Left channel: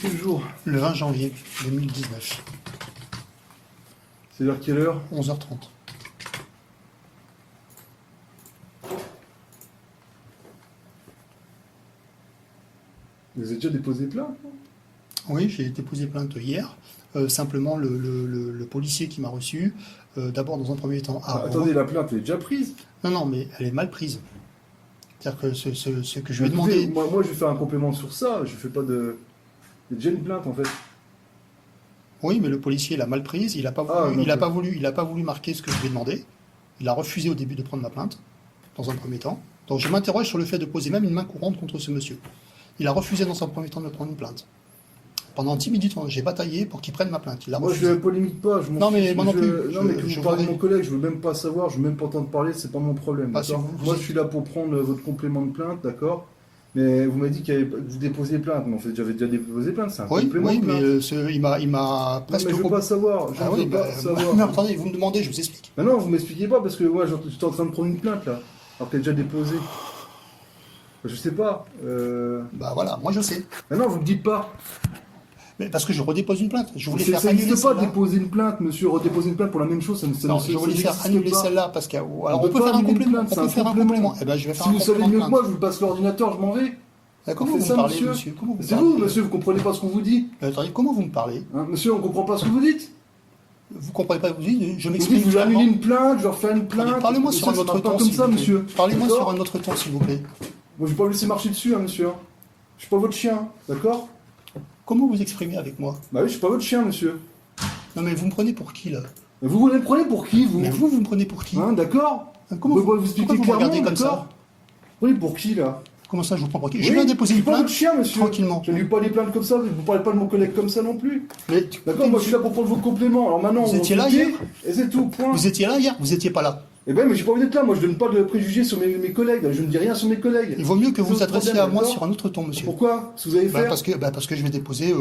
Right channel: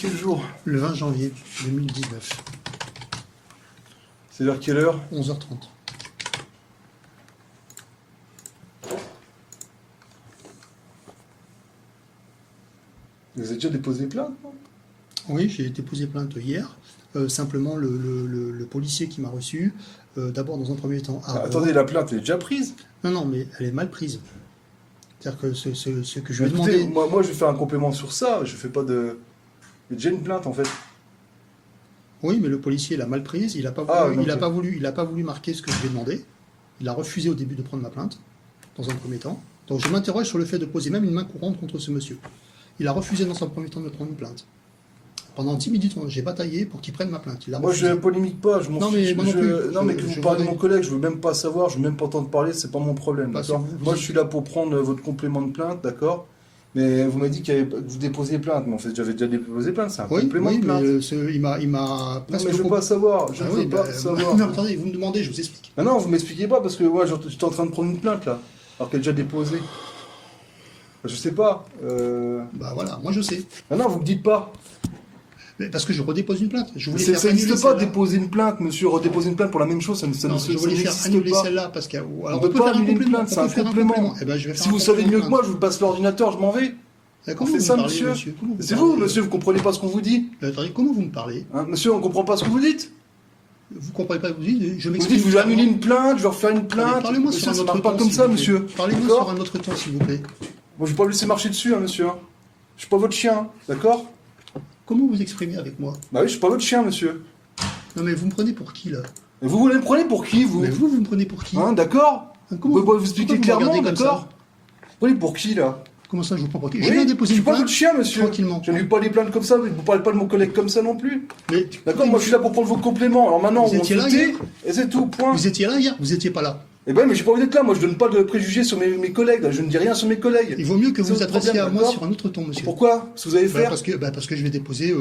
quel jour? Le 20 janvier 2019, C'est vers quelle heure? 11h30. Vous avez déjà déposé plainte? Oui, j'ai déposé plainte hier. Simplement, le policier qui m'a reçu, d'abord dans un premier temps... Attendez, la plainte elle est déjà prise? Non, mais elle est mal prise. C'est-à-dire que ce que je lui ai Écoutez, demandé... moi je vais faire un complément sur ça, je fais pas de... Il y a déjà une plainte en fait. Oui, mais le policier l'a mal prise, il n'a pas, donc- il a pas voulu marquer ce que je lui ai demandé. Il a refusé au début de prendre ma plainte, dans un premier temps. Donc je m'interroge sur le fait de poser même une main courante contre ce monsieur. Il a refusé dans un premier temps de prendre une plainte. Pendant 10 minutes, j'ai bataillé pour qu'il prenne ma plainte. Il a Moi refusé. je polémique pas, je m'en Non, mais fiche, moi non plus. Non mais que Je vous parlez de voudrais- mon collègue, je veux même pas savoir, je veux même pas entendre parler, c'est pas mon problème. Bah, d'accord si vous- Moi je suis là pour prendre votre complément de plainte, d'accord? Mais vous m'avez dit que vous déposiez plainte, mais en fait j'avais déjà déposé plainte, c'est un Oui, complément de plainte. mais il m'a Non, presque... mais je veux pas savoir, je Ah veux oui, pas bah, savoir. non, attendez, vous me demandez, je vous explique. Mais non, vous m'expliquez pas parce que moi j'étais en train de prendre une plainte là, alors qu'elle est déjà déposée. Je sais pas. Bah voilà, moi je sais. Mais non, vous me dites pas. Mais parce que je redépose une plainte. Je voulais Ça faire annuler n'existe pas celle-là. déposer une plainte, monsieur. Redéposer une plainte pour la même chose, ça Non, je voulais faire n'existe annuler pas. celle-là parce que... On Alors, peut on peut pas faire un annuler une complément. plainte, On c'est peut un faire un complément. complément. Eh ben, je vais faire Si un vous savez complément mieux de que moi, plainte. je vous passe l'ordinateur, je m'en vais. Comment on fait vous ça, me parlez, monsieur. Comment vous C'est parlez vous, monsieur, vous comprenez pas ce qu'on vous dit. Attendez, comment vous me parlez? Hein, monsieur, on comprend pas ce que vous dites. Vous comprenez pas? Vous dites, je Vous m'exprime dites, vous clairement. annulez une plainte, je vais refaire une plainte. Parlez-moi Monsieur, sur un ça autre marche pas ton, comme s'il ça, vous plaît. monsieur. Parlez-moi D'accord sur un autre ton, s'il vous plaît. Moi, je vais pas vous laisser marcher dessus, hein, monsieur. Je suis pas votre chien, d'accord? Comment vous exprimez avec moi? Bah oui, je suis pas votre chien, monsieur. Non, mais vous me prenez pour qui, là? Et vous me prenez pour qui, vous? Mais vous me prenez pour qui? Hein, d'accord? Comment Vous expliquez pourquoi vous me clairement, regardez comme d'accord? ça? Vous prenez pour qui, là? Comment ça, je vous prends pour qui? Oui, Je viens déposer je une suis pas plainte votre chien, monsieur. tranquillement. Je n'ai eu pas des plaintes comme ça, vous parlez pas de mon collègue comme ça non plus. Mais, D'accord, moi je suis là pour prendre vos compléments. Alors maintenant, Vous on étiez se là dit, hier et c'est tout, point. Vous étiez là hier? Vous étiez pas là. Eh ben, mais j'ai pas envie d'être là. Moi, je donne pas de préjugés sur mes collègues. Je ne dis rien sur mes collègues. Il vaut mieux que C'est vous vous votre adressiez problème, à moi d'accord sur un autre ton, monsieur. Pourquoi? Ce que vous allez faire? Parce que je vais déposer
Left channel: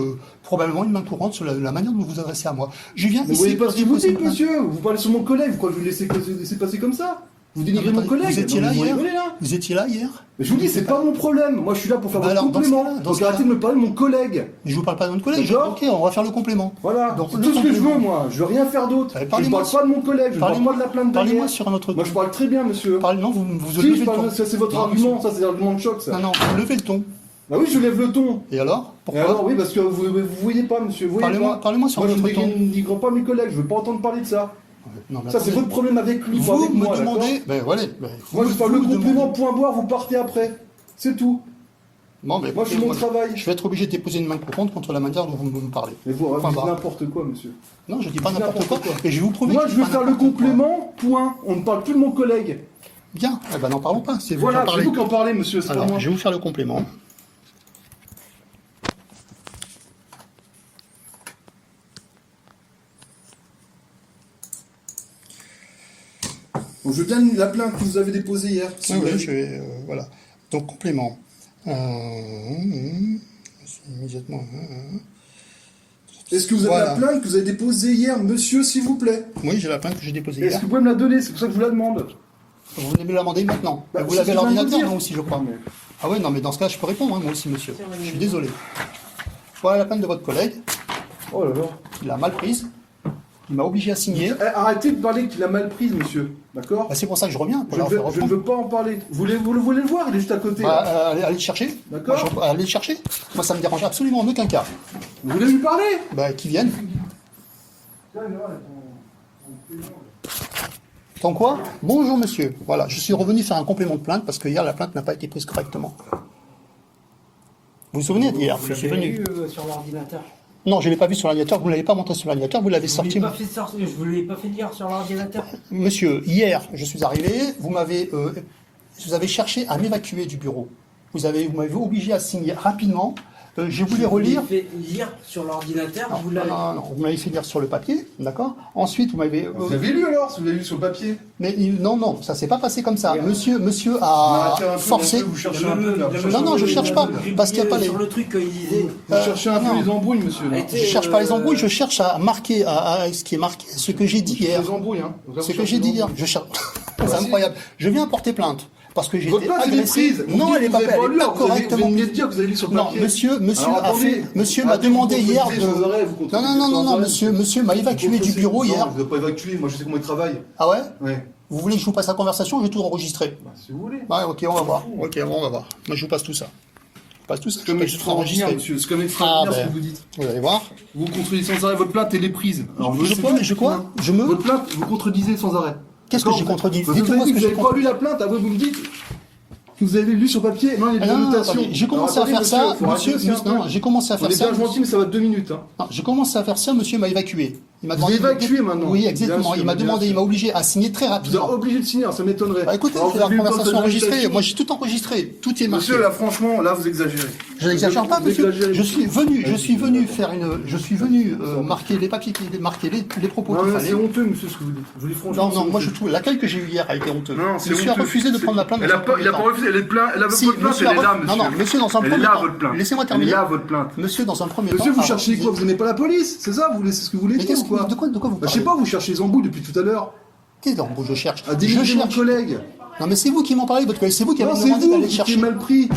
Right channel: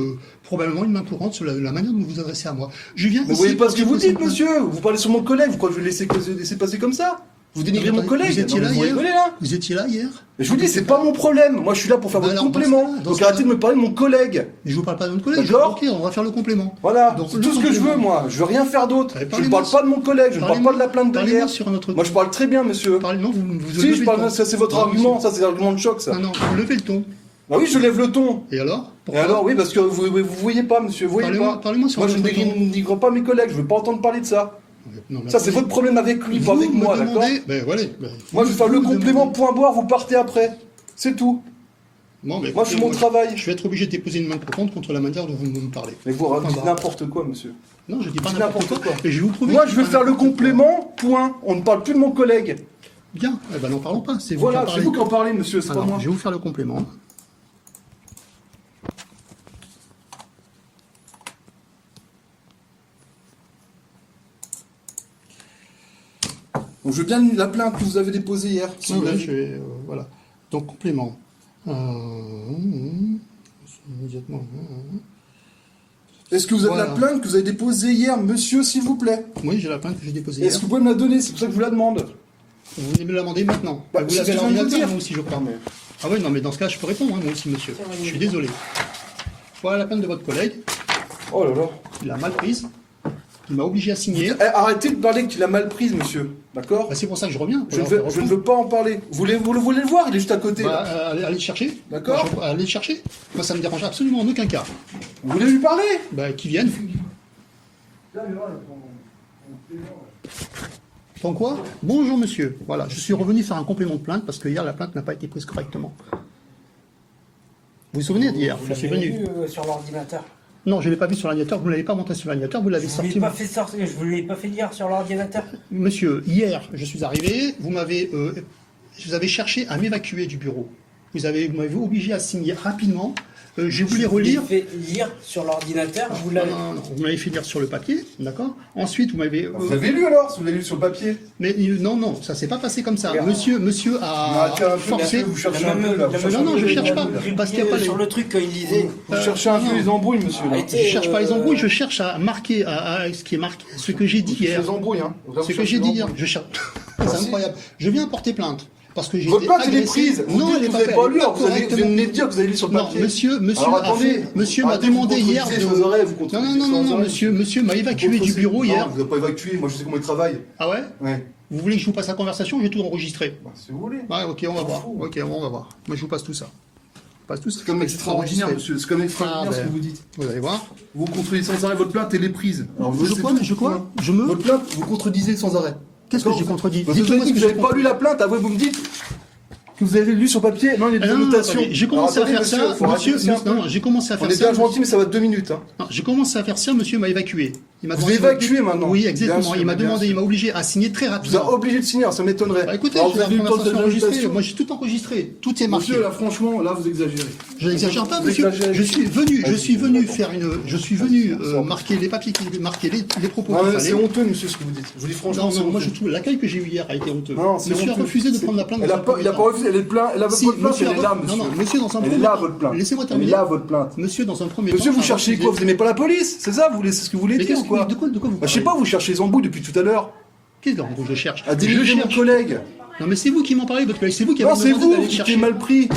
probablement une main courante sur la manière dont vous vous adressez à moi. Je viens Mais vous ici voyez pas pour ce que vous déposer une dites, plainte. monsieur. Vous parlez sur mon collègue. Vous croyez que je vais laisser passer comme ça? Vous dénigrez Non, mais mon attendez, collègue. vous étiez Non, là mais hier rigolez, là. Vous étiez là hier? Mais je vous dis, c'est pas mon problème. Moi, je suis là pour faire Bah votre alors, dans ce complément. cas-là, dans Donc ce arrêtez cas-là. de me parler de mon collègue. Mais je vous parle pas de notre collègue. D'accord. Ok, on va faire le complément. Voilà, Donc, c'est le tout ce que je veux, complément. moi. Je veux rien faire d'autre. Allez, Je ne parlez-moi parle pas de mon collègue. Je ne parle Parlez-moi- pas de la plainte Parlez-moi d'hier. sur un autre ton. Moi, je parle très bien, monsieur. Non, vous Si, levez je le parle, ton. ça c'est votre Non, argument, monsieur. ça c'est l'argument de choc, ça. Non, vous levez le ton. Ah oui, je lève le ton. Et alors Et Pourquoi alors, oui, parce que vous voyez pas, monsieur, vous voyez pas. Parlez-moi sur Moi, un je autre ton. ne dénigre pas mes collègues, je veux pas entendre parler de ça. Non, mais Ça, c'est attendez. votre problème avec lui, pas Vous avec me moi, d'accord? demandez... Ben voilà. ben, Moi, je vous- vais faire vous le me complément, demandez- point barre, vous partez après. C'est tout. Bon, ben, Moi, je fais écoutez, mon travail. Je vais être obligé de déposer une main courante contre la manière dont vous me parlez. Mais vous Point dites barre. n'importe quoi, monsieur. Non, je dis pas Dites n'importe quoi. n'importe quoi. Et je vais vous prouver Moi, que je dis vais pas faire le n'importe quoi. complément, point. On ne parle plus de mon collègue. Bien. Eh ben, n'en parlons pas. C'est vous Voilà, qui en c'est parlez. vous qui en parlez, monsieur, c'est pas Alors, moi. je vais vous faire le complément. Donc, je veux bien la plainte que vous avez déposée hier. si vous l'avez. je vais, voilà. Donc, complément. Immédiatement. Est-ce que vous avez Voilà. la plainte que vous avez déposée hier, monsieur, s'il vous plaît? Oui, j'ai la plainte que j'ai déposée Est-ce hier. que vous pouvez me la donner? C'est pour ça que je vous la demande. Vous venez me la demander maintenant. Bah, Vous c'est l'avez à ce que je viens de l'ordinateur, vous dire. moi aussi, je crois. Ah oui, non, mais dans ce cas, je peux répondre, hein, moi aussi, monsieur. Je suis désolé. Voilà la plainte de votre collègue. Oh là là. Il a mal prise. Il m'a obligé à signer. Arrêtez de parler qu'il a mal prise, monsieur. D'accord? Bah, c'est pour ça que je reviens. pour Je leur ne faire veux reprendre. pas en parler. Vous voulez le voir? Il est juste à côté. Bah, là. allez le chercher. D'accord. Allez le chercher. Moi, ça me dérange absolument en aucun cas. Vous voulez lui parler? Bah, qu'ils viennent. Tant quoi? Bonjour, monsieur. Voilà, je suis revenu faire un complément de plainte parce que hier, la plainte n'a pas été prise correctement. Vous vous souvenez d'hier? Vous Je suis l'avez venu. vu sur l'ordinateur. Non, je ne l'ai pas vu sur l'ordinateur. Vous ne l'avez pas montré sur l'ordinateur. Vous l'avez Je sorti. vous l'ai pas fait dire sur l'ordinateur. Monsieur, hier, je suis arrivé. Vous avez cherché à m'évacuer du bureau. Vous m'avez obligé à signer rapidement. Je voulais relire. Vous l'avez fait lire sur l'ordinateur. Vous l'avez. Non. Vous m'avez fait lire sur le papier, d'accord. Ensuite, vous m'avez. Vous avez lu alors? Si vous l'avez lu sur le papier? Mais non, ça s'est pas passé comme ça. Regarde. Monsieur a Arrêtez un peu, forcé. monsieur, vous cherchez un peu là. Non, je cherche pas, parce qu'il y a pas les- sur le truc qu'il disait. Vous cherchez un peu non. les embrouilles, monsieur. là. Arrêtez. Je cherche pas les embrouilles, je cherche à marquer à ce qui est marqué, ce que j'ai dit Vous cherchez hier. les embrouilles, hein. Ce que j'ai dit hier, je cherche. C'est incroyable. Je viens porter plainte Parce que j'ai Votre été plainte, elle est agressé. prise. Non, elle est vous pas avez pas lu, vous correctement. venez de dire que vous avez lu sur le Non, papier. monsieur Alors, a attendez. fait, monsieur m'a Arrêtez de vous demandé hier contredire de... sans arrêt, vous Non, contredisez non, non, non, sans non, arrêt. monsieur m'a évacué du bureau Non, hier. vous n'êtes pas évacué, moi je sais comment il travaille. Ah ouais? Ouais. Vous voulez que je vous passe la conversation? J'ai tout enregistré. Bah, si vous voulez. Ouais, ok, on va voir. Ok, bon, on va voir. Moi, je vous passe tout ça. Je passe tout ça. C'est comme Je passe tout extraordinaire, monsieur. C'est comme extraordinaire ce ben, que vous dites. Vous allez voir. Vous contredisez sans arrêt votre plainte, elle est prise. Alors, Je c'est quoi? tout. Je quoi? Je me... Votre plainte, vous contredisez sans arrêt. Qu'est-ce que D'accord, j'ai contredit? Vous avez Dites-moi dit ce que que vous j'ai n'avez pas lu la plainte, après vous me dites que vous avez lu sur papier. Non, il y a des Ah non, annotations. attendez, j'ai commencé à Alors, faire attendez, ça, faut arrêter aussi un peu. non, j'ai commencé à On faire est ça. bien gentil, mais ça va 2 minutes. Hein. Non, j'ai commencé à faire ça, monsieur m'a évacué. Il m'a Vous demandé- évacuez maintenant. Oui, Bien exactement. sûr, Il m'a bien demandé, sûr. il m'a obligé à signer très Vous êtes rapidement. obligé de signer, ça m'étonnerait. Bah, écoutez, Alors, j'ai vous la avez eu le temps conversation de enregistrée. l'ajustation. Moi, j'ai tout enregistré. Tout est marqué. Monsieur, là, franchement, là, vous exagérez. Je n'exagère pas, Vous monsieur. exagérez. Je suis venu D'accord. marquer les papiers, marquer les propos Non, qu'il mais c'est fallait. honteux, monsieur, ce que vous dites. Je vous dis franchement. Non, non, moi je trouve l'accueil que j'ai eu hier a été honteux. Non, c'est Monsieur a honteux. refusé de C'est- prendre la plainte. Elle dans a un pas, premier il a temps. pas refusé, elle est plein, elle a Si, votre plainte, monsieur elle a est là, refusé- monsieur. non, non, monsieur, dans un Elle est premier là, temps. votre plainte. Laissez-moi Elle est terminer. là, votre plainte. Monsieur, dans un premier Monsieur, temps. vous a cherchez refusé- quoi? Vous aimez pas la police? C'est ça? Qu'est-ce que vous voulez Mais dire qu'est-ce ou quoi? de quoi vous Bah, je sais parlez? pas, vous cherchez les embrouilles depuis tout à l'heure. Qu'est-ce que je cherche? À Je dénigrer mon cherche. collègue. Non, mais c'est vous qui m'en parlez, votre collègue. C'est vous qui Non, avez c'est demandé vous d'aller qui chercher. êtes mal pris.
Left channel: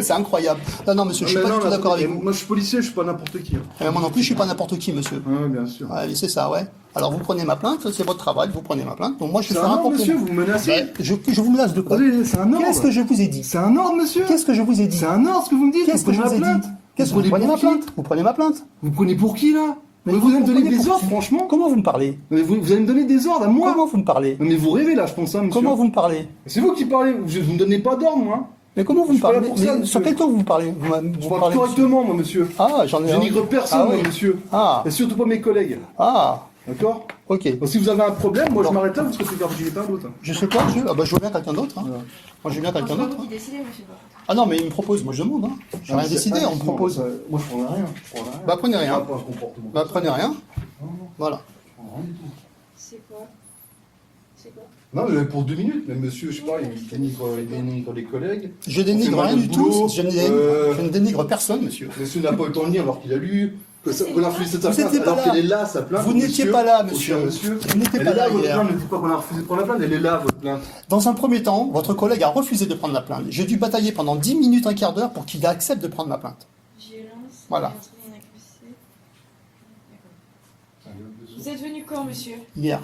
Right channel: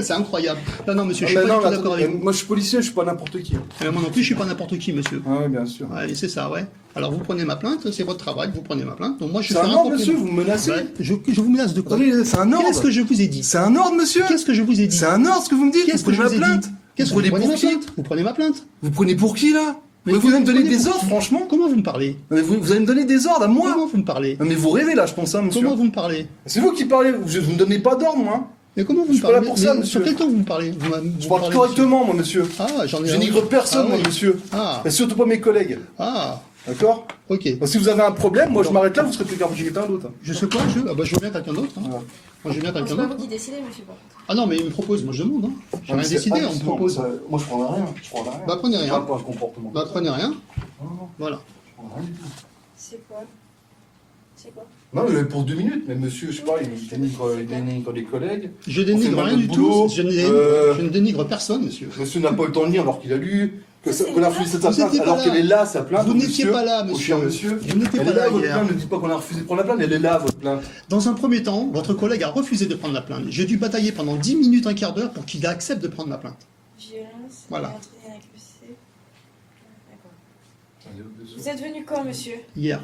C'est incroyable. Non, non, monsieur, je suis Ah, pas mais du non, tout là, d'accord avec vous. Moi, je suis policier, je suis pas n'importe qui. Moi non plus, je suis pas n'importe qui, monsieur. Ah, ouais, bien sûr. Ouais, c'est ça, ouais. Alors vous prenez ma plainte, c'est votre travail, vous prenez ma plainte. Donc moi je C'est fais un un ordre, complément. monsieur, vous me menacez. Ouais, je vous menace de quoi? Attendez, c'est un ordre. Qu'est-ce que je vous ai dit? C'est un ordre, monsieur. Qu'est-ce que je vous ai dit? C'est un ordre ce que vous me dites. Qu'est-ce Vous que je prenez vous ma ai dit? plainte. Qu'est-ce que Vous vous prenez prenez ma pour qui? plainte? Vous prenez ma plainte? Vous prenez pour qui, là? Mais vous allez me donner prenez des pour ordres, qui? franchement? Comment vous me parlez? Mais vous allez me donner des ordres à moi? Comment vous me parlez? Non, mais vous rêvez, là, je pense, hein, monsieur. Comment vous me parlez? C'est vous qui parlez, vous ne donnez pas d'ordre, moi. Mais comment vous Je me suis pas là parlez? pour ça, Mais monsieur. sur quel temps vous me parlez? Vous Je parlez, parle correctement, moi, monsieur. monsieur. Ah, j'en ai Je un. dénigre personne, Ah, moi, oui. monsieur. Ah, Et surtout pas mes collègues. ah, D'accord? ok. Donc, si vous avez un problème, moi, je Bon. m'arrête là, vous serez fait faire quelqu'un d'autre. Je sais quoi, monsieur? Ah bah je veux bien quelqu'un d'autre. Hein. Ouais. Moi je veux bien Non, quelqu'un c'est pas d'autre. vous qui décidez, monsieur, par contre. Ah non, mais il me propose, moi je demande. Hein. J'ai rien décidé, on me propose. Moi, je prendrai rien. Je prendrai rien. Bah prenez rien. Pas un comportement. Bah prenez rien. Non, non, Voilà. je prendrai rien du tout. C'est quoi? C'est quoi? Non, mais pour 2 minutes, mais monsieur, je sais pas, il dénigre les collègues. Je dénigre On fait rien du notre boulot, tout. Je ne dénigre personne, monsieur. Monsieur n'a pas eu le temps de lire alors qu'il a lu, qu'on a refusé sa Vous plainte, étiez pas alors là. qu'elle est là, sa plainte. Vous n'étiez monsieur, pas là, au monsieur. cher monsieur. Vous n'étiez Elle pas est là, là votre hier. plainte, ne dites pas qu'on a refusé de prendre la plainte, elle est là, votre plainte. Dans un premier temps, votre collègue a refusé de prendre la plainte. J'ai dû batailler pendant 10 minutes, un quart d'heure pour qu'il accepte de prendre ma plainte. Violence. Voilà. meurtrier accusé. D'accord. Vous êtes venu quand, monsieur? Hier.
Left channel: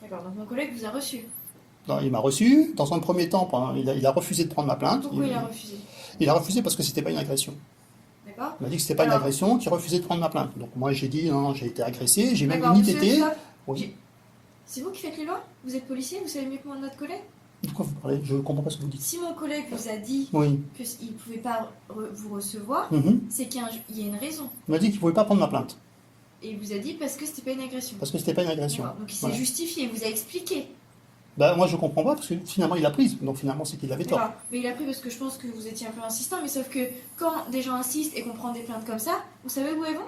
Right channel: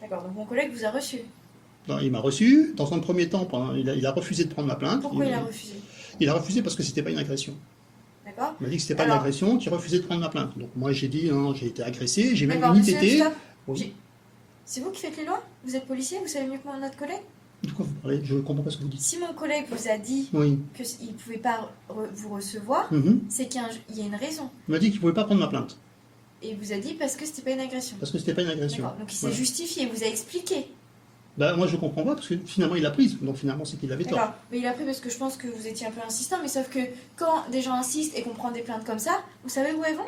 D'accord, donc mon collègue vous a reçu. Non, il m'a reçu. Dans un premier temps, il a refusé de prendre ma plainte. Pourquoi il a refusé? Il a refusé parce que c'était pas une agression. D'accord? Il m'a dit que c'était pas une Alors. agression, qu'il refusait de prendre ma plainte. Donc moi j'ai dit non, j'ai été agressé, j'ai même D'accord, une monsieur, ITT. stop. Oui. C'est vous qui faites les lois? Vous êtes policier, vous savez mieux que moi notre collègue? De quoi vous parlez? Je comprends pas ce que vous dites. Si mon collègue vous a dit Oui. qu'il ne pouvait pas vous recevoir, Mhm. c'est qu'il y a une raison. Il m'a dit qu'il pouvait pas prendre ma plainte Et il vous a dit parce que c'était pas une agression. parce que c'était pas une agression. D'accord, donc il s'est Voilà. justifié, il vous a expliqué. Bah, moi je comprends pas parce que finalement il l'a prise, donc finalement c'est qu'il avait tort. D'accord, mais il a pris parce que je pense que vous étiez un peu insistant, mais sauf que quand des gens insistent et qu'on prend des plaintes comme ça, vous savez où elles vont?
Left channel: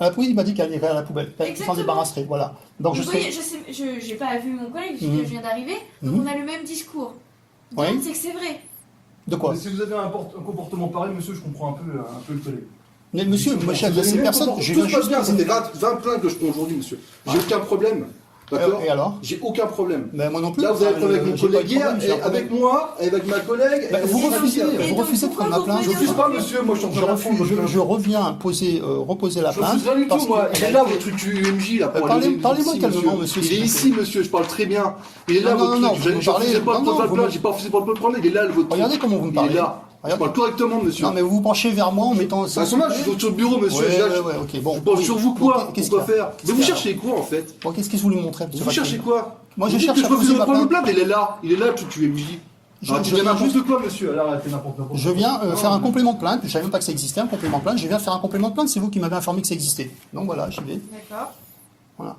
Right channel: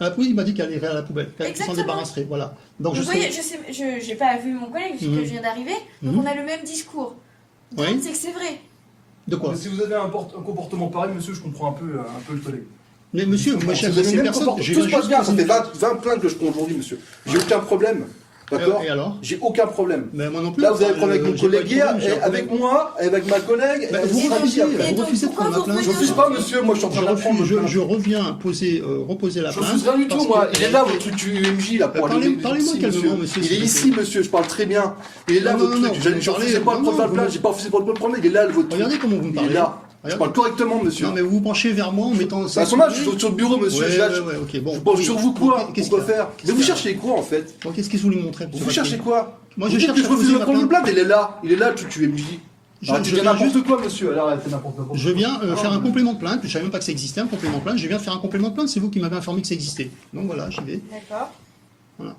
Ah, oui, il m'a dit qu'elle irait à la poubelle, qu'elle s'en Exactement. débarrasserait. Voilà. Donc Vous je voyez, serai... je n'ai pas vu mon collègue vu Mhm. que je viens d'arriver, donc Mhm. on a le même discours. Donc Oui. c'est que c'est vrai. De quoi? Mais si vous avez un comportement pareil, monsieur, je comprends un peu le collègue. Mais monsieur, moi j'ai Vous avez agressé le même personne. comportement. J'ai Tout se juste passe bien, ça posé- fait 20 plaintes que je prends aujourd'hui, monsieur. J'ai aucun problème. D'accord? Et alors? J'ai aucun problème. Mais moi non plus. Là, vous avez un problème avec mon j'ai pas eu collègue de hier, problème, j'ai un et avec problème. moi, et avec ma collègue. Bah, et vous c'est refusez, pas- Et vous donc, refusez de prendre ma pourquoi plainte. vous Je refuse pas, monsieur, moi je suis en train Je, de refuse, prendre votre plainte. je reviens reposer la Je plainte. refuse rien du parce tout, moi. que Il est là, votre UMJ, là, pour Parlez- aller parlez-moi ici, calmement, monsieur, Il s'il est vous ici, monsieur, je parle très bien. Il est là, Non, votre non, non, truc. vous me Je refusais parlez- pas de non, prendre la vous plainte, me- j'ai pas refusé de prendre le problème, il est là, votre truc. Regardez comment vous me Il parlez. est là. Je Regardez. parle correctement, monsieur. Non mais vous vous penchez vers moi en mettant C'est un sondage, je suis sur le bureau, monsieur. Ouais, là, ouais, ok, bon. Je pense Oui. sur vous Bon, quoi? qu'est-ce Pourquoi qu'il y a faire? Qu'est-ce Mais vous qu'il y a cherchez quoi, en fait? Bon, qu'est-ce que vous voulez me montrer, monsieur Vous Paquet cherchez quoi? Moi, Vous je dites cherche que je à refuse poser de ma prendre le plainte. plainte, il est là, tu MJ. Je- Ah, tu je viens viens- juste de quoi, monsieur? Alors, elle fait n'importe quoi. Je viens faire un complément de plainte. Je savais même pas que ça existait, un complément de plainte. Je viens faire un complément de plainte. C'est vous qui m'avez informé que ça existait. Donc voilà, j'y vais. D'accord. Voilà.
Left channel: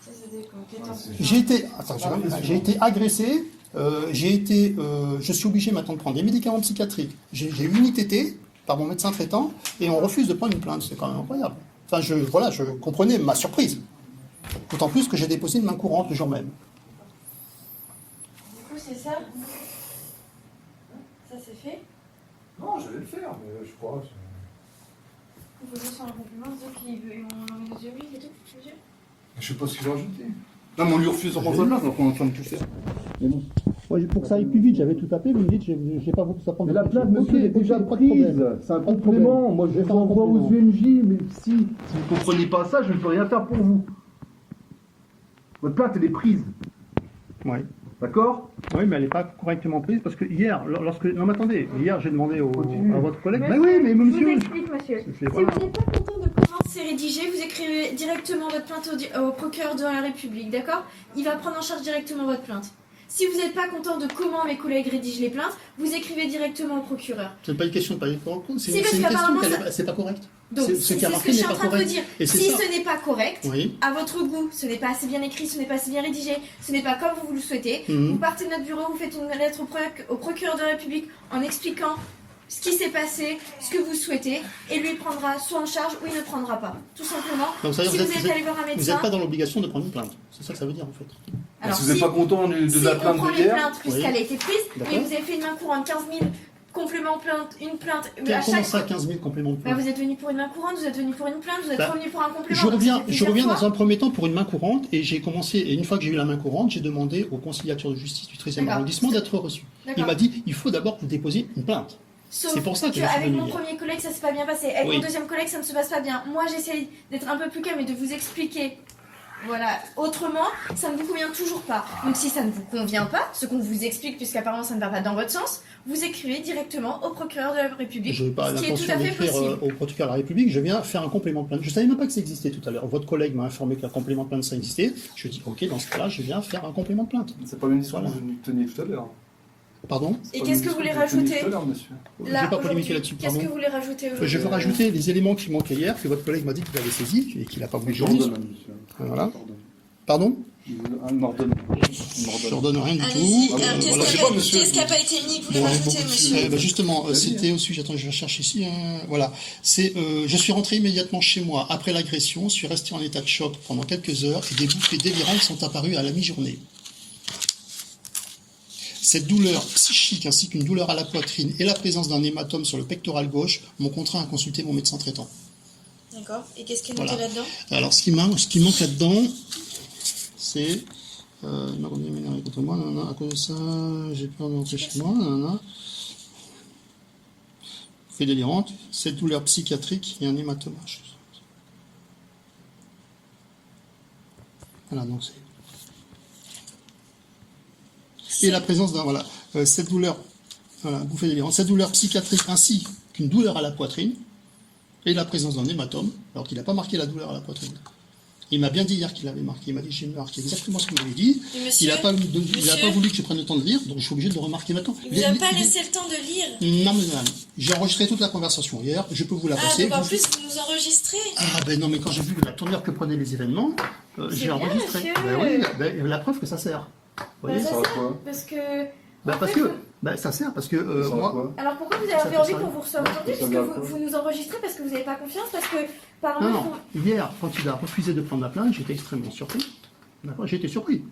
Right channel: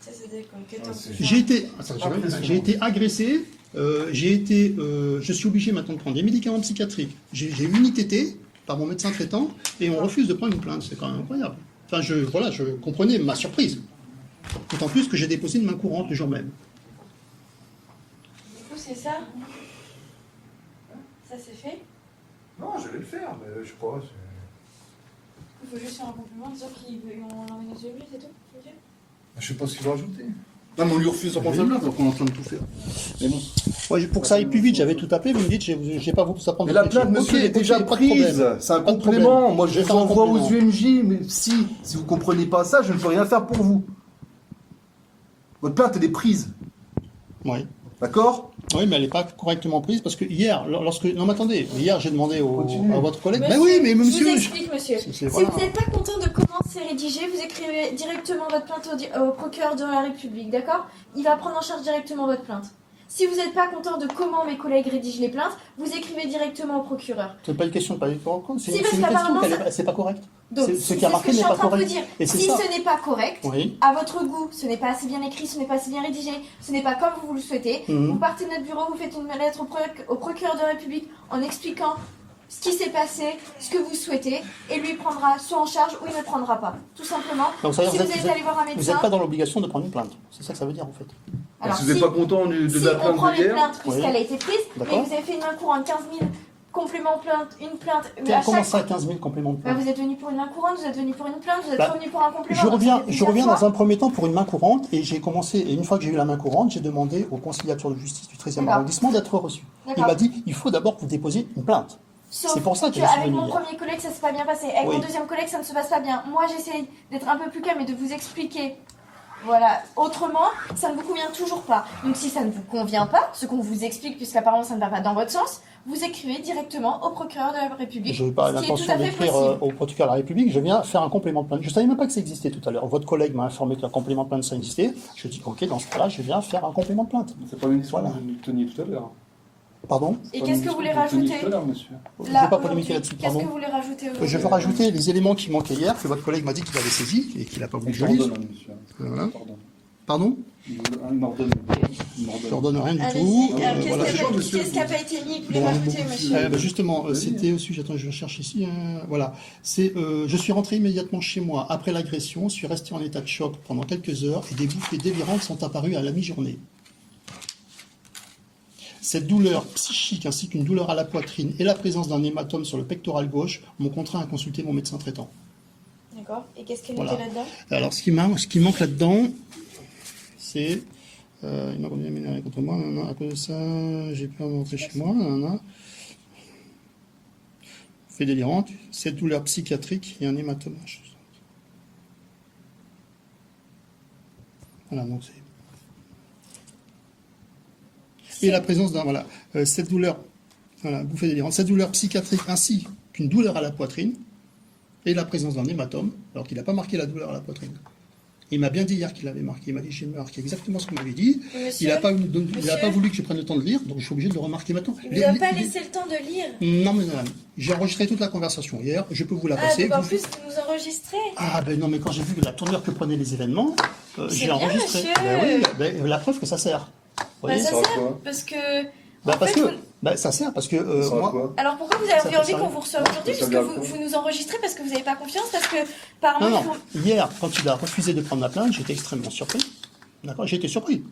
Ça, c'était comme quel temps c'est- que J'ai été, attention, j'ai été agressé. Je suis obligé maintenant de prendre des médicaments psychiatriques. J'ai une ITT par mon médecin traitant et on refuse de prendre une plainte. C'est quand même incroyable. Enfin, je comprenais ma surprise. D'autant plus que j'ai déposé une main courante le jour même. Du coup, c'est ça? Ça, c'est fait? Non, j'allais le faire, mais je sais pas. Il faut juste faire un compliment, disant qu'ils vont l'enlever nos yeux, c'est tout, je veux dire? Je sais pas ce qu'il va rajouter. Non, mais on lui refuse son contre plainte, donc on est en train de tout faire. Mais bon. Ouais, pour que ça aille plus vite, j'avais tout appelé, vous me dites, j'ai pas voulu ça prendre Mais la votre plainte, métier. monsieur, Ok, est déjà ok, pas de prise. problème. C'est un Pas de complément. problème. Moi, Je je vais vous faire un envoie aux complément. UMJ, mais si vous comprenez pas ça, je ne peux rien faire pour vous. Votre plainte, elle est prise. Ouais. D'accord? Oui, mais elle n'est pas correctement prise parce que hier, lorsque. Non, mais attendez, hier j'ai demandé Continue. à votre collègue. Monsieur, Ben oui, mais je monsieur. vous explique, monsieur. c'est- Si voilà. vous n'êtes pas content de comment c'est rédigé, vous écrivez directement votre plainte au procureur de la République, d'accord? Il va prendre en charge directement votre plainte. Si vous n'êtes pas content de comment mes collègues rédigent les plaintes, vous écrivez directement au procureur. C'est pas une question de pas être correct, c'est Si, une parce question qu'apparemment, c'est pas correct. Donc, Ce c'est qui a ce marqué que je n'est suis en pas train de vous correct. dire. Et c'est Si ça. ce n'est pas correct, Oui. à votre goût, ce n'est pas assez bien écrit, ce n'est pas assez bien rédigé, ce n'est pas comme vous le souhaitez, Mhm. vous partez de notre bureau, vous faites une lettre au procureur de la République en expliquant ce qui s'est passé, ce que vous souhaitez, et lui prendra soit en charge ou il ne prendra pas. Tout simplement. Donc, ça veut Si dire vous que êtes allé voir un Vous médecin, n'êtes pas dans l'obligation de prendre une plainte. C'est ça que ça veut dire en fait. alors, Si vous n'êtes pas content de si la on plainte prend de les hier, plaintes puisqu'elle a été prise, mais D'accord. vous avez fait une main courante 15 000 compléments plainte, une plainte, à Comment chaque ça, fois. 15 000 compléments de Bah, plainte? vous êtes venu pour une main courante, vous êtes venu pour une plainte, vous êtes Bah, revenu pour un complément. Je donc reviens, ça fait je plusieurs reviens fois. dans un premier temps pour une main courante et j'ai commencé, et une fois que j'ai eu la main courante, j'ai demandé au conciliateur de justice du 13e D'accord. arrondissement d'être reçu. Il D'accord. m'a dit, il faut d'abord que vous déposiez une plainte. Sauf C'est pour ça que je suis avec venu mon hier. premier collègue, ça s'est pas bien passé. Avec Oui. mon deuxième collègue, ça ne se passe pas bien. Moi, j'essaie d'être un peu plus calme et de vous expliquer. Voilà. Autrement, ça ne vous convient toujours pas. Donc, si ça ne vous convient pas, ce qu'on vous explique, puisqu'apparemment ça ne va pas dans votre sens, vous écrivez directement au procureur de la République. Je n'ai pas ce qui est tout l'intention à fait d'écrire possible. au procureur de la République, je viens faire un complément de plainte. Je ne savais même pas que ça existait tout à l'heure. Votre collègue m'a informé que le complément de plainte ça existait. Je dis, ok, dans ce cas-là, je viens faire un complément de plainte. c'est pas une histoire Voilà. que vous teniez tout à l'heure. Pardon? Et qu'est-ce que vous voulez rajouter Tout à l'heure, monsieur. Je ne Là, vais pas aujourd'hui, polémiquer là-dessus, qu'est-ce pardon. que vous voulez rajouter aujourd'hui Je veux rajouter les éléments qui manquaient hier, que votre collègue m'a dit qu'il avait saisis et qu'il n'a pas voulu que je Je lise. ordonne, monsieur. Voilà. Pardon. Pardon? Un ordonne. Je leur donne rien du tout. Allez-y, voilà. qu'est-ce Je sais qui pas, a pas- monsieur. qu'est-ce qui n'a pas été mis que vous voulez Bon, rajouter, beaucoup de monsieur Justement, Vas-y. c'était au sujet, attends, je recherche ici, voilà, c'est, je suis rentré immédiatement chez moi après l'agression, suis resté en état de choc pendant quelques heures et des bouffées délirantes sont apparues à la mi-journée. Cette douleur psychique ainsi qu'une douleur à la poitrine et la présence d'un hématome sur le pectoral gauche m'ont contraint à consulter mon médecin traitant. D'accord. Et qu'est-ce qui est Voilà. noté là-dedans Alors, ce qui manque là-dedans, c'est. Il m'a conduit à m'énerver contre moi, nanana, à cause de ça, j'ai peur de rentrer chez moi, nanana. Fait délirante, cette douleur psychiatrique et un hématome. Voilà, donc c'est. Et la présence d'un. Voilà, cette douleur. Voilà, bouffée délirante. Cette douleur psychiatrique ainsi qu'une douleur à la poitrine et la présence d'un hématome, alors qu'il n'a pas marqué la douleur à la poitrine. Il m'a bien dit hier qu'il l'avait marqué. Il m'a dit j'ai marqué exactement ce qu'il m'avait dit. Monsieur, Il n'a pas monsieur, voulu que je prenne le temps de lire, donc je suis obligé de le remarquer maintenant. il n'a pas laissé le temps de lire. Non, mais madame, j'ai enregistré toute la conversation hier. Je peux vous la Ah, passer. donc en Vous- plus, vous nous enregistrez. Ah, ben non, mais quand j'ai vu la tournure que prenaient les événements, C'est j'ai bien, enregistré. monsieur. Ben oui, ben, la preuve que ça sert. Vous voyez Bah, ça Ça va sert, quoi? parce que... Ben, en parce fait, que vous- ben, ça sert parce que Ça va moi. quoi? Alors pourquoi vous avez Ça envie fait ça. qu'on vous reçoive aujourd'hui? Ça Parce va que quoi? vous nous enregistrez parce que vous n'avez pas confiance, parce que par Non, moment, non. Hier, quand il a refusé de prendre la plainte, j'étais extrêmement surpris. D'accord, j'ai été surpris.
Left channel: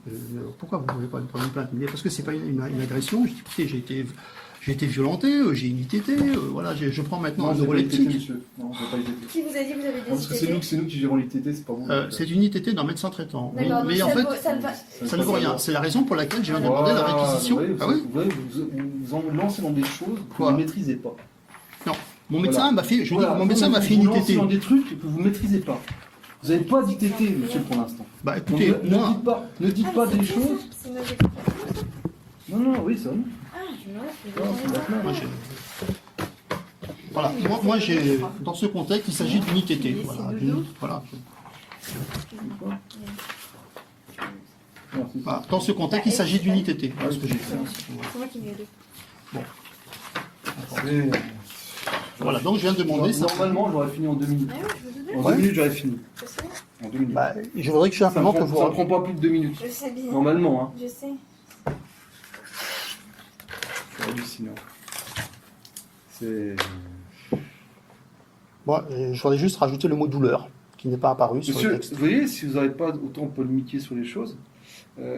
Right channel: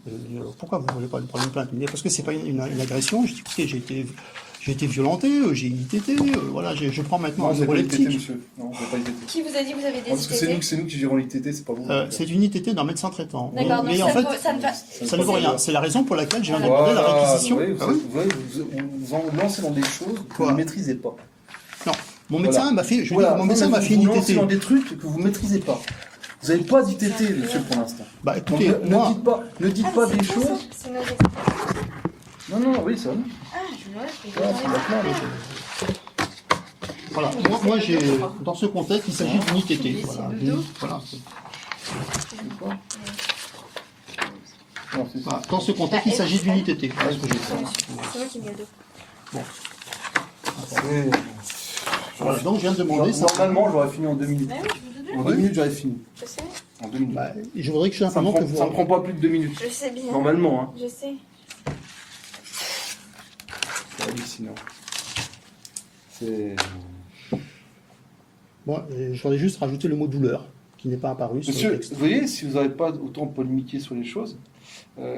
Pourquoi vous ne voulez pas prendre une plainte? Il me dit, parce que c'est pas une agression. Je dis, écoutez, j'ai été violenté, j'ai une ITT, voilà, je prends maintenant Non, un vous n'avez pas ITT, neuroleptique. monsieur. Non, vous n'avez pas ITT. qui vous a dit que vous avez Ah, des parce que ITT? c'est nous qui gérons l'ITT, c'est pas vous. C'est une ITT d'un médecin traitant. D'accord, Mais donc en ça fait, vaut- ça ne va... ça ne vaut rien. C'est la raison pour laquelle je viens demander la réquisition. Vous, Ah oui? vous en lancez dans des choses que Quoi? vous ne maîtrisez pas. Non. Mon médecin Voilà. m'a fait, je Voilà, dis, mon médecin m'a fait une vous lancez ITT. dans des trucs que vous ne maîtrisez pas. Vous n'avez pas d'ITT, monsieur, pour l'instant. Bah Donc, écoutez, moi, ne dites Ah, pas c'est des bon, choses. ça. C'est nos experts. Non, non, oui, ça va. Ah, je me lève, Ah, c'est maintenant, oui. voilà, moi j'ai, dans ce contexte, il s'agit d'une ITT. Voilà, voilà. Non, c'est ça. Voilà. Dans ce contexte, il s'agit d'une ITT. Voilà ce que j'ai fait. C'est moi qui mets le dos. C'est- Voilà, donc je viens de demander ça. Normalement, j'aurais fini en 2 minutes. Ah oui, je vous le En donne. 2 minutes, j'aurais fini. Je sais. En 2 minutes. Bah, je voudrais que ça simplement que ne vous. prend pas plus de 2 minutes. Je sais bien. Normalement, hein. Je sais. C'est hallucinant. C'est. Bon, je voudrais juste rajouter le mot douleur, qui n'est pas apparu sur le Monsieur, texte. vous voyez, si vous n'avez pas autant polémiquer sur les choses,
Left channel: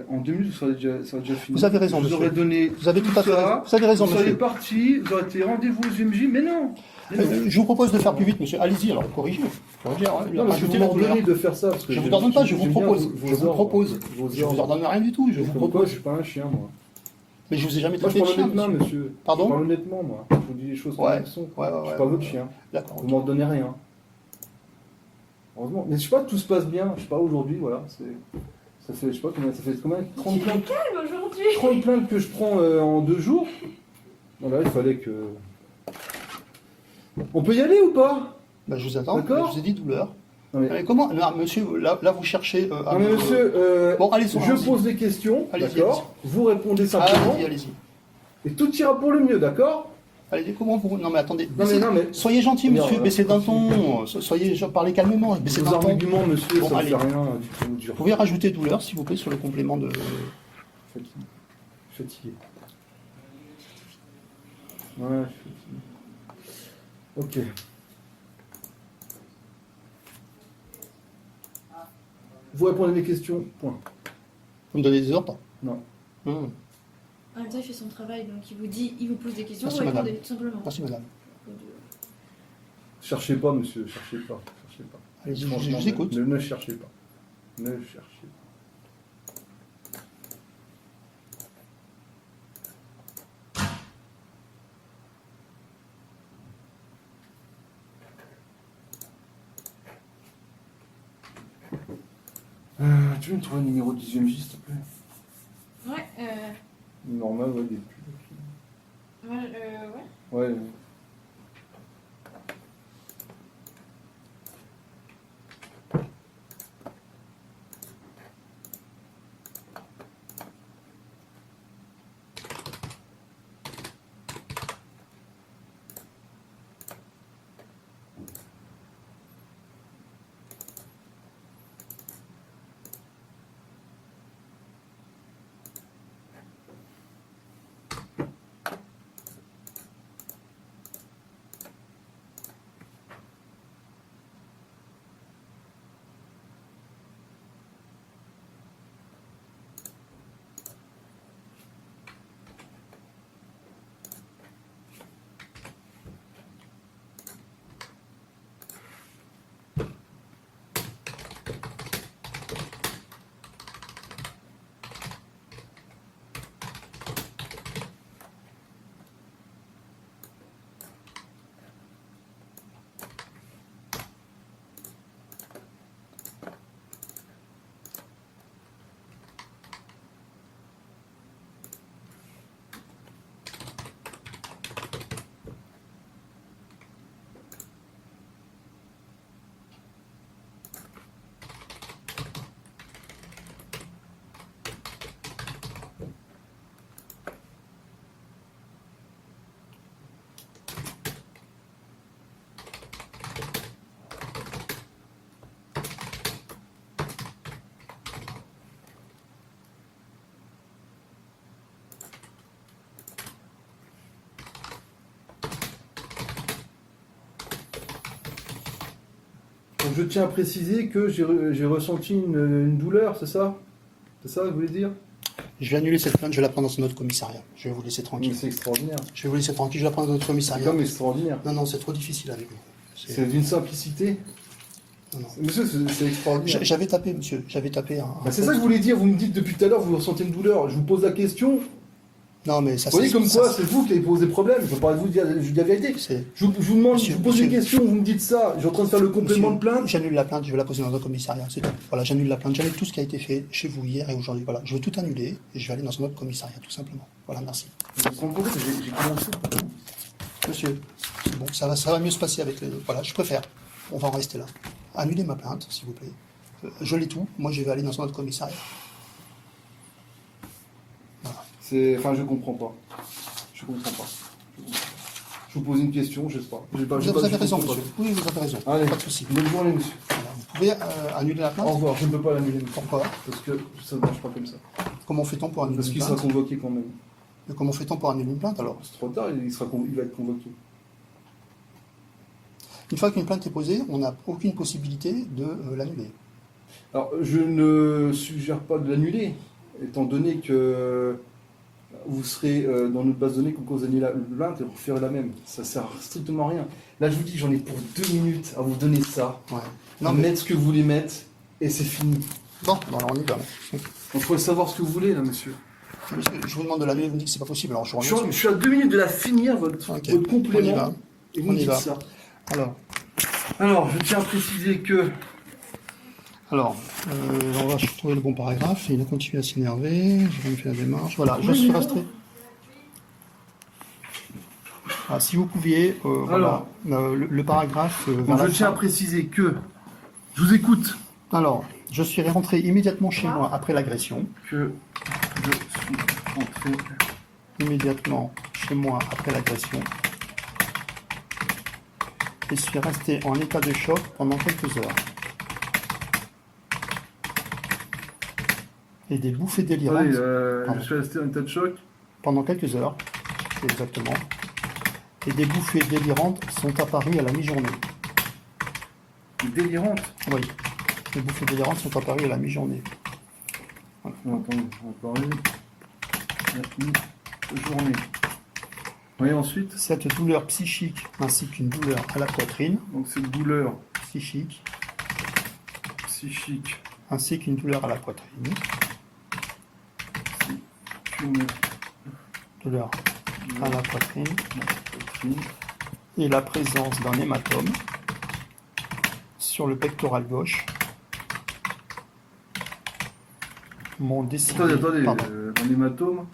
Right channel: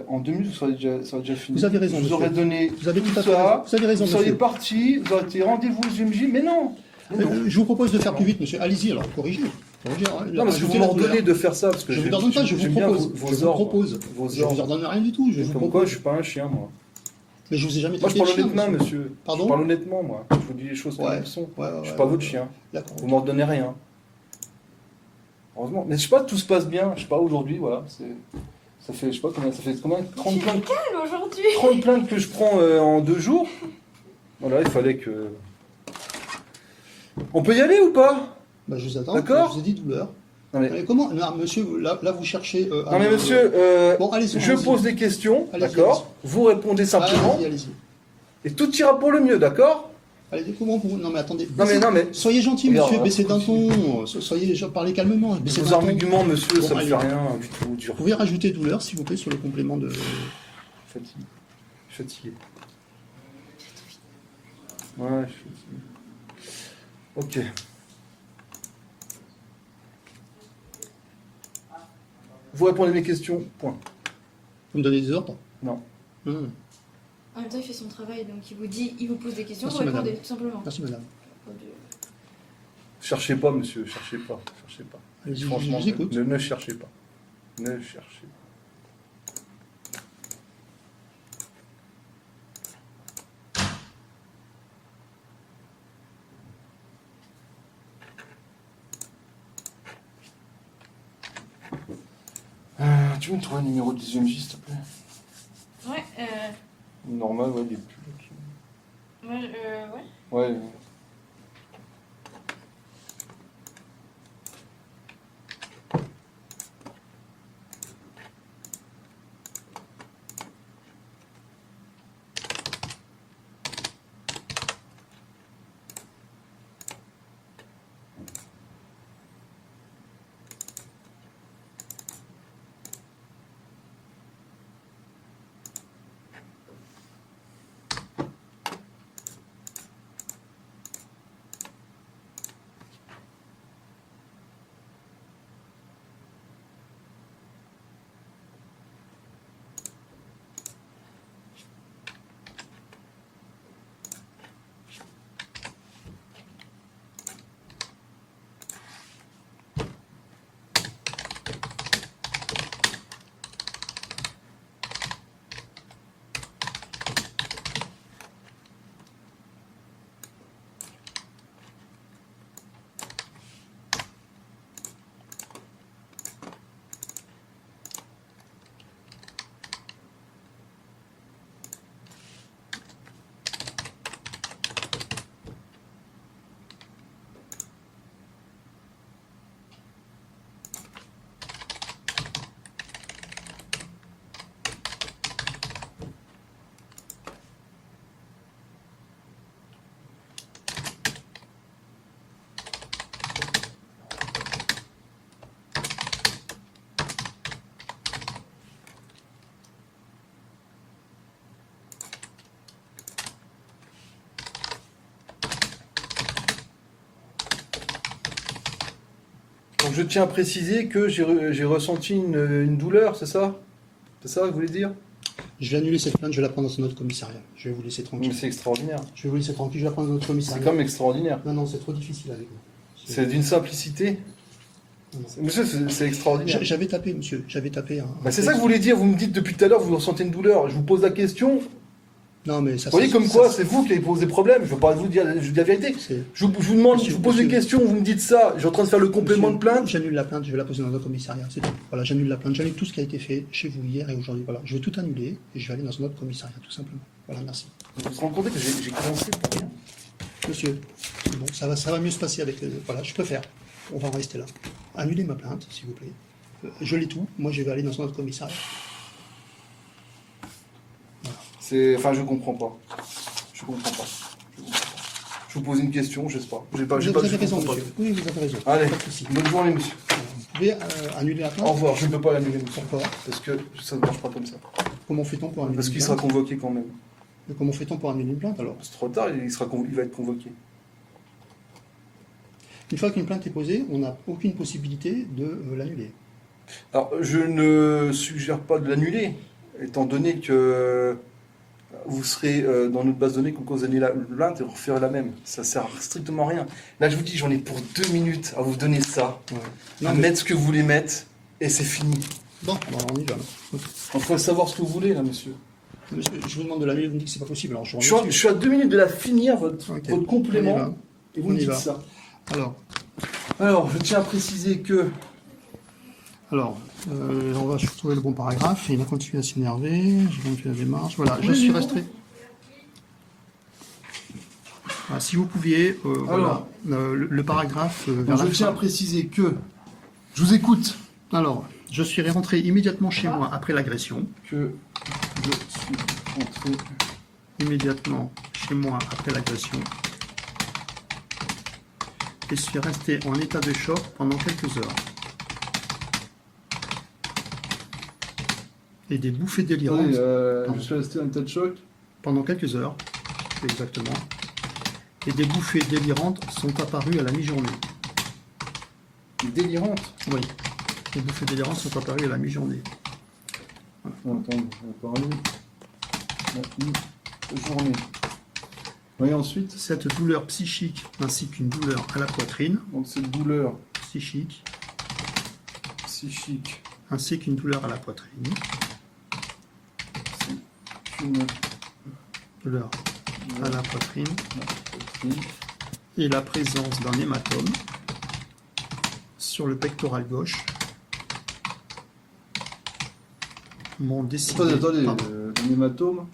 en 2 minutes, ça aurait déjà fini. Vous avez raison, Je vous monsieur. aurais donné Vous avez tout à fait ça, raison. Vous avez raison, vous seriez monsieur. parti, vous aurez été rendez-vous aux GMJ, mais non. Je vous propose de faire plus vite, monsieur. Allez-y, alors, corrigez. Non, parce que vous m'ordonnez de faire ça. Parce que Je vous ordonne pas, je vous j'aime bien propose. vos Je vous ordres, propose. vos Je vous ordres. ordonne rien du tout, je vous Comme quoi, propose. je suis pas un chien, moi. Mais je vous ai jamais Moi, je traité de parle chien, honnêtement, monsieur. monsieur. Pardon? Je parle honnêtement, moi. Je vous dis les choses comme Ouais. elles sont. Ouais, Je suis pas votre chien. D'accord. Vous m'ordonnez rien. Heureusement. Mais je sais pas, tout se passe bien. Je sais pas, aujourd'hui, voilà. Ça fait, je sais pas combien, ça fait combien 30 plaintes, Calme aujourd'hui. 30 plaintes que je prends en 2 jours. Voilà, il fallait que... On peut y aller ou pas? Bah, je vous attends. D'accord. Je vous ai dit douleur. Non mais, Mais comment? Non, monsieur, là vous cherchez. À non, mais me- monsieur, Bon, allez-y. je pose des questions, Allez-y, d'accord? Vous répondez simplement, Allez-y, allez-y. et tout ira pour le mieux, d'accord? Allez-y, comment vous. Non, mais attendez. Non mais, non mais, Soyez gentil, Regarde, monsieur, baissez d'un continue. ton. Parlez calmement. Baissez vos d'un ton. arguments, monsieur, Bon, ça ne allez. fait rien du tout. Vous pouvez rajouter douleur, s'il vous plaît, sur le complément de. Fatigué. Fatigué. Ouais, je suis fatigué. Ok. Vous répondez à mes questions, point. Vous me donnez des ordres? Non. Hum. En même temps, il fait son travail, donc il vous dit, il vous pose des questions, Merci, vous répondez, madame. tout simplement. Merci, madame. Cherchez pas, monsieur, cherchez pas, cherchez pas. Allez-y, je Franchement, vous écoute. ne cherchez pas. Ne cherchez pas. Tu veux me trouver un numéro de 10e s'il te plaît? Ouais, Normal, ouais, il est plus. ouais. Ouais. Donc je tiens à préciser que j'ai ressenti une douleur, c'est ça? C'est ça que vous voulez dire? Je vais annuler cette plainte, je vais la prendre dans un autre commissariat. Je vais vous laisser Mais tranquille. c'est extraordinaire. Je vais vous laisser tranquille, je vais la prendre dans un autre C'est commissariat. quand même extraordinaire. Non, non, c'est trop difficile avec lui. C'est d'une simplicité. Non, non. Monsieur, c'est extraordinaire. J'avais tapé, monsieur. J'avais tapé un. Bah, c'est ça que vous voulez dire, vous me dites depuis tout à l'heure, vous ressentez une douleur. Je vous pose la question. Non, mais ça Vous voyez ça- comme ça- quoi, c'est vous qui avez posé problème. Je ne veux pas vous dire la vérité. c'est- Je vous demande, Monsieur, je vous pose une monsieur. question, vous me dites ça. Je suis en train de faire le complément de plainte. J'annule la plainte, je vais la poser dans un autre commissariat. C'est tout. Voilà, j'annule la plainte, j'annule tout ce qui a été fait chez vous hier et aujourd'hui. Voilà, je veux tout annuler et je vais aller dans un autre commissariat, tout simplement. Voilà, merci. Vous vous rendez compte que j'ai commencé. Monsieur, c'est bon, ça va mieux se passer avec. Voilà, je préfère. On va en rester là. Annulez ma plainte, s'il vous plaît. Je l'ai tout. Moi, je vais aller dans un autre commissariat. Enfin, je comprends pas. Je comprends pas. Je vous pose une question, je sais pas. J'ai pas Vous j'ai pas- avez je raison, comprends monsieur. Oui, vous avez raison. Allez. Pas de souci. Bonne journée, monsieur. Voilà. Vous pouvez annuler la Au plainte. revoir, je ne peux pas l'annuler, monsieur. Pourquoi? Parce que ça ne marche pas comme ça. Comment fait-on pour annuler Parce une qu'il sera plainte? convoqué quand même. Mais comment fait-on pour annuler une plainte alors? C'est trop tard, il va être convoqué. Une fois qu'une plainte est posée, on n'a aucune possibilité de l'annuler. Alors, je ne suggère pas de l'annuler, étant donné que vous serez dans notre base de données quand vous allez la plainte et vous referez la même. Ça sert strictement à rien. Là, je vous dis, j'en ai pour 2 minutes à vous donner ça, Ouais. à Non, mais... mettre ce que vous voulez mettre, et c'est fini. Bon, alors on y va. Là. Il faut savoir ce que vous voulez, là, monsieur. Monsieur, je vous demande de la lire, vous me dites que c'est pas possible. Alors je Je suis à 2 minutes de la finir, votre Ok. votre On y complément, va. et vous On me y dites va. ça. Alors, Je tiens à préciser que... on va trouver le bon paragraphe. Il a continué à s'énerver. J'ai quand même fait la démarche. Voilà, je suis resté. Ah, si vous pouviez, voilà, le paragraphe vers Donc, la je tiens à fin. préciser que... Je vous écoute. Alors, je suis rentré immédiatement chez moi après l'agression. Que je suis rentré... Immédiatement chez moi après l'agression. Et suis resté en état de choc pendant quelques heures. Et des bouffées délirantes. Attendez, Pardon. je suis resté en état de choc. Pendant quelques heures, exactement. Et des bouffées délirantes sont apparues à la mi-journée. Délirante. Oui, les bouffées délirantes sont apparues à la mi-journée. Attends, on va parler. La journée. Oui, ensuite, Cette douleur psychique ainsi qu'une douleur à la poitrine, donc cette douleur psychique, psychique, ainsi qu'une douleur à la poitrine, c'est une douleur à la poitrine, poitrine, et la présence d'un hématome sur le pectoral gauche m'ont décidé... Attendez, Pardon. un hématome.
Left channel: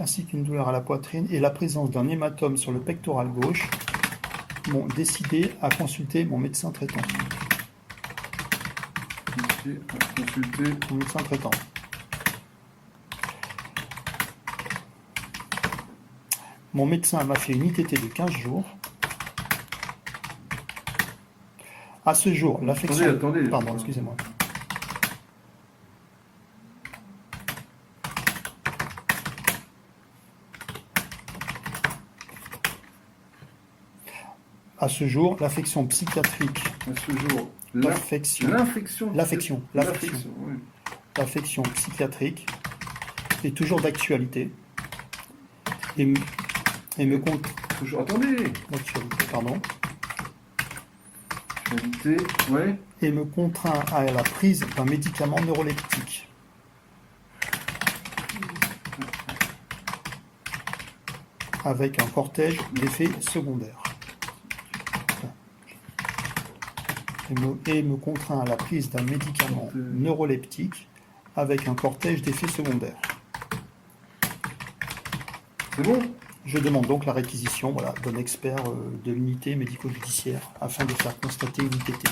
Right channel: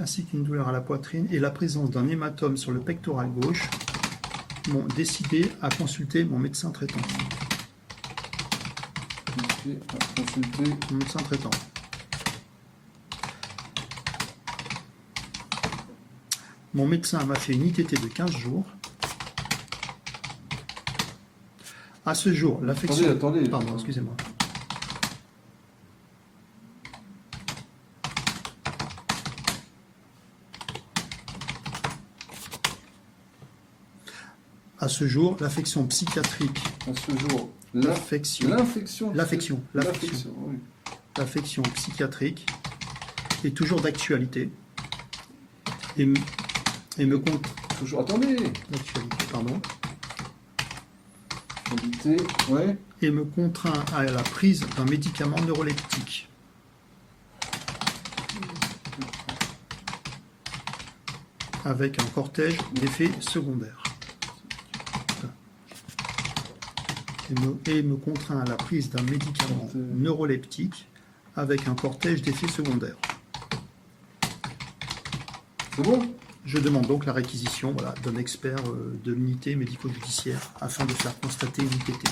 Ainsi qu'une douleur à la poitrine et la présence d'un hématome sur le pectoral gauche m'ont décidé à consulter mon médecin traitant. Consulter. Mon médecin traitant. Mon médecin m'a fait une ITT de 15 jours. À ce jour, l'affection... Attendez. Pardon, excusez-moi. À ce jour, l'affection psychiatrique, À ce jour, l'affection oui. l'affection psychiatrique est toujours d'actualité et me compte Toujours. Attendez. d'actualité, pardon, Qualité, ouais. et me contraint à la prise d'un médicament neuroleptique. Avec un cortège d'effets secondaires. Et me contraint à la prise d'un médicament neuroleptique avec un cortège d'effets secondaires. C'est bon. Je demande donc la réquisition d'un expert de l'unité médico-judiciaire afin de faire constater une ITT.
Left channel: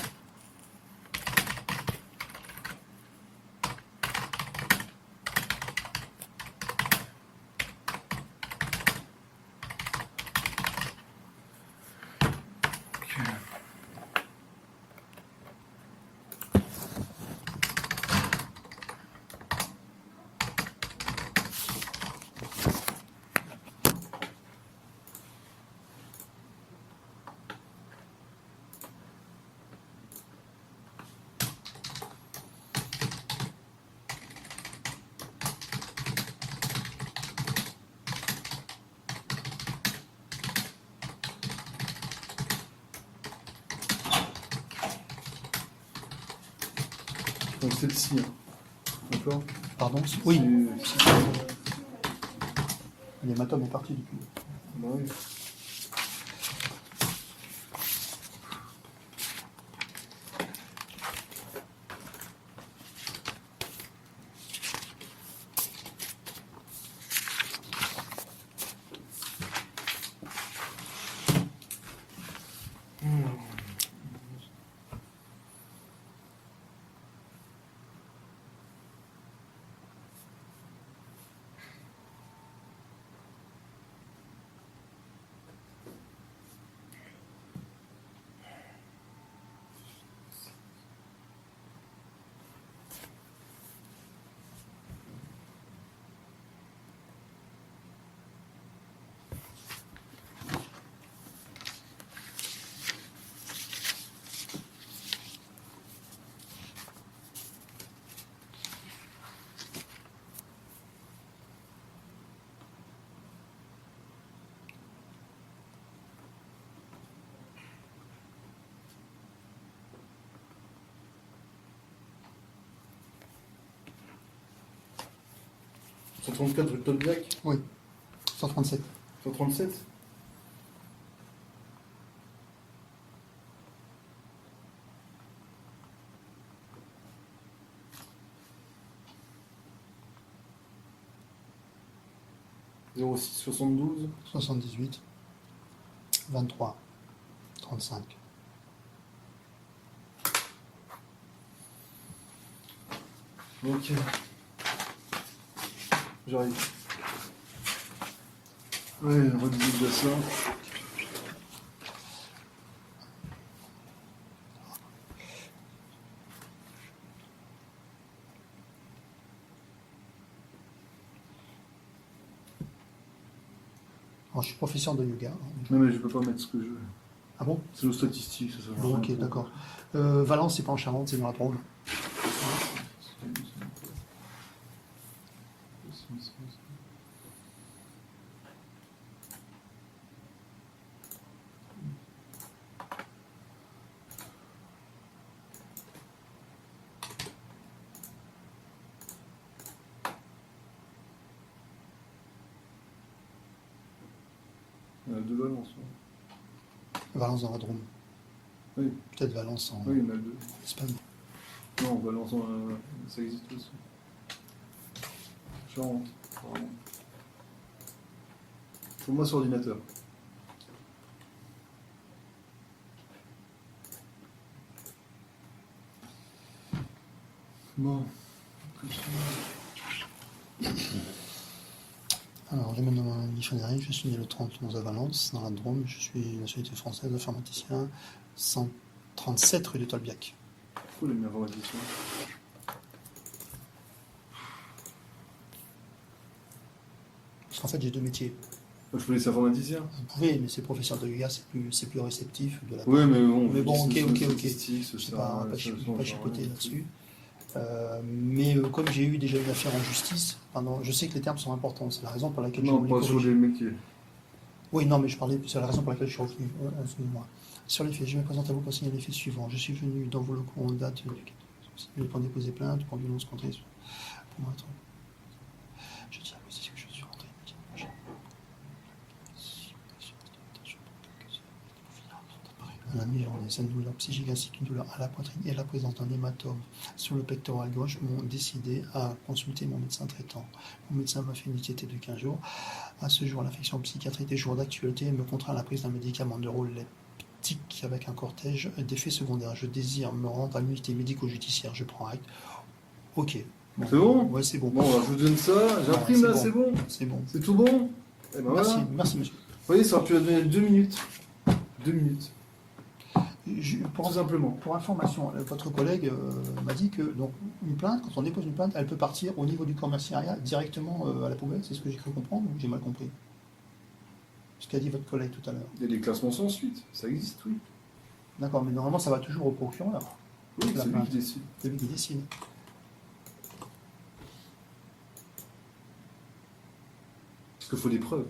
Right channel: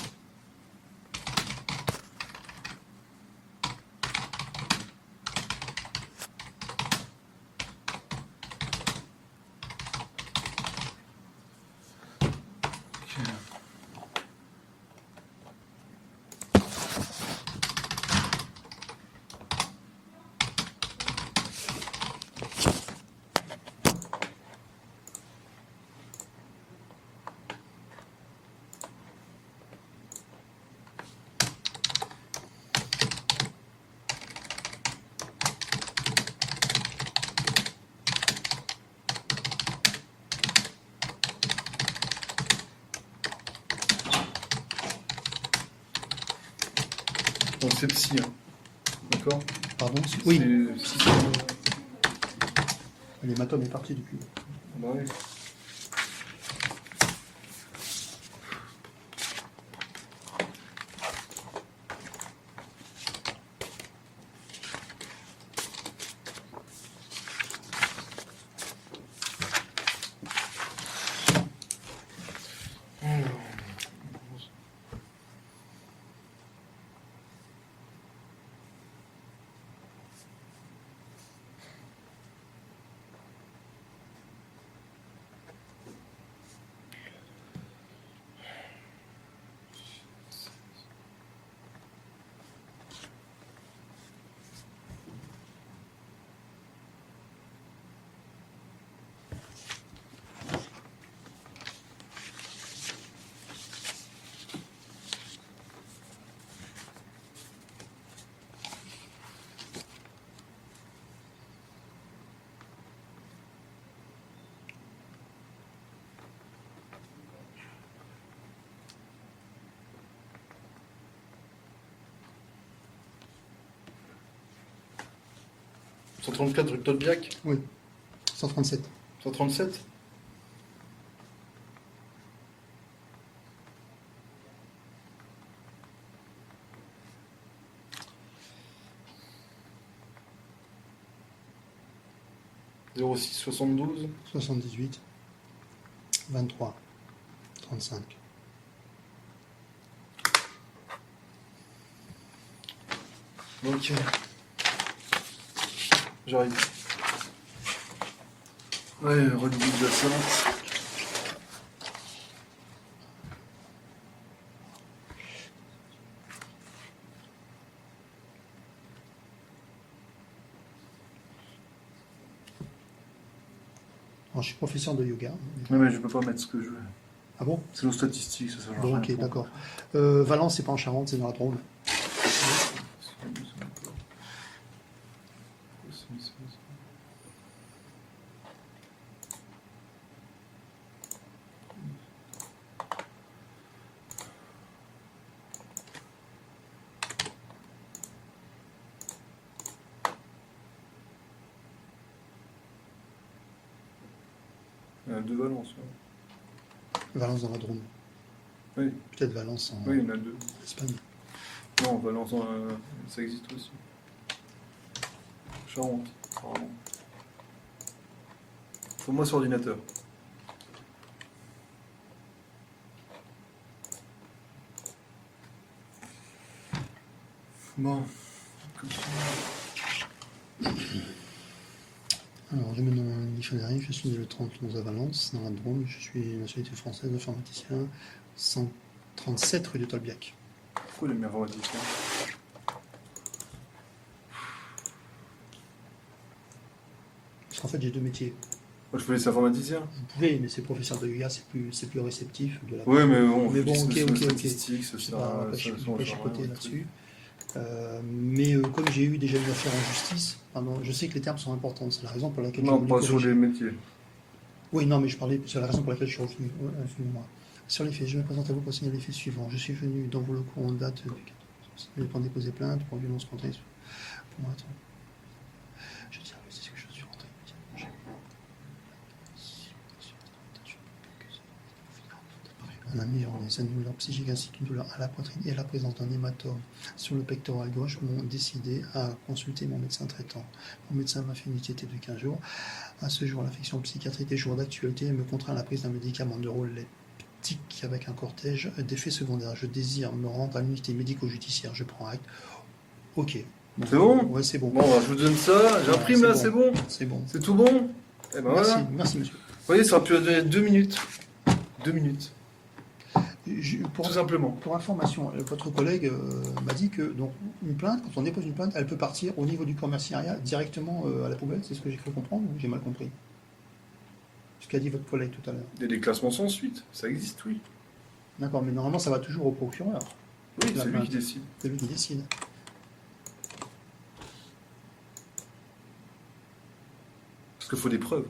Donc c'est psy. Hein. D'accord. Pardon Oui, C'est- l'hématome est parti depuis. Bah oui. 134 rue de Tolbiac. 137. 137. « 06 72 78. 23. 35. Ok. J'arrive. Ouais, redis de la séance. Alors, je suis professeur de yoga. Non mais je peux pas mettre ce que je veux. Ah bon? C'est nos statistiques, ça change Bon, rien ok, du tout. d'accord. Valence, c'est pas en Charente, c'est dans la Drôme. Il y en a deux Valence. Ouais. Valence dans la Drôme. Oui. Peut-être Valence en Oui, il y en a deux. Espagne. Non, Valence, ça existe aussi. Charente, apparemment. Faut-moi sur ordinateur. Bon. Alors, j'ai mon nom Guy Frédéric, je suis né le 30 11 à Valence, dans la Drôme. Je suis nationalité française, informaticien, 137 rue de Tolbiac. Pourquoi les meilleurs informaticien? Parce qu'en fait, j'ai deux métiers. Moi, je peux laisser informaticien. Vous pouvez, mais c'est professeur de yoga, c'est plus réceptif. De la Oui, mais bon, Mais bon, c'est ok, des ok. statistiques, Je c'est sais ça. pas, on va pas ça chi- on va change pas chipoter rien. là-dessus. Mais comme j'ai eu déjà une affaire en justice, pardon, je sais que les termes sont importants. C'est la raison pour laquelle j'ai Non, voulu pas sur corriger. les métiers. Oui, non, mais je parlais, c'est la raison pour laquelle je suis revenu. Excusez-moi. Sur les faits, je me présente à vous pour signaler les faits suivants. Je suis venu dans vos locaux en date pour déposer plainte pour violence contre les... Pour moi, attends. Je tiens à préciser que je suis rentré. Un ami en des douleurs psychiques ainsi qu'une douleur à la poitrine et la présence d'un hématome sur le pectoral gauche m'ont décidé à consulter mon médecin traitant. Mon médecin m'a fait une ITT de 15 jours. À ce jour, l'affection psychiatrique des jours d'actualité me contraint à la prise d'un médicament neuroleptique avec un cortège d'effets secondaires. Je désire me rendre à l'unité médico-judiciaire. Je prends acte. Ok. C'est bon? Ouais, c'est bon. Bon, alors, je vous donne ça, j'imprime Voilà, là, c'est bon. C'est bon. C'est tout bon? Eh ben Merci, voilà. merci monsieur. Vous voyez, ça aurait pu donner 2 minutes. 2 minutes, Pour tout simplement. Pour information, votre collègue m'a dit que donc une plainte, quand on dépose une plainte, elle peut partir au niveau du commissariat directement à la poubelle. C'est ce que j'ai cru comprendre ou j'ai mal compris? Ce qu'a dit votre collègue tout à l'heure. Il y a des classements sans suite, ça existe, oui. D'accord, mais normalement ça va toujours au procureur. Oui, La c'est lui plainte. qui décide. C'est lui qui décide. Parce qu'il faut des preuves.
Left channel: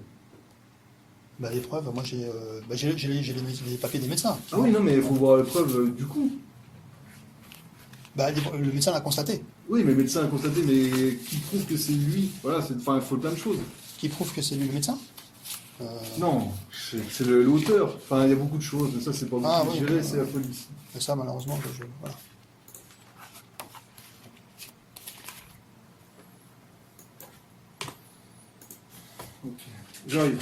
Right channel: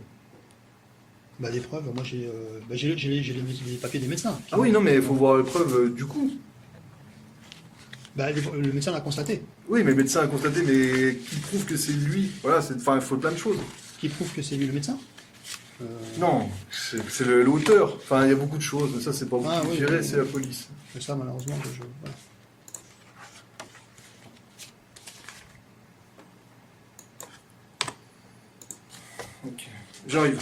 Bah, les preuves, moi j'ai les papiers des médecins. Ah oui, non, mais il faut voir les preuves du coup. Bah, le médecin l'a constaté. Oui, mais le médecin a constaté, mais qui prouve que c'est lui? Voilà, enfin, il faut plein de choses. Qui prouve que c'est lui le médecin? Non, c'est l'auteur. Enfin, il y a beaucoup de choses, mais ça, c'est pas vous Ah, qui oui, gérez, oui, c'est oui. la police. Mais ça, malheureusement, voilà. Ok, j'arrive.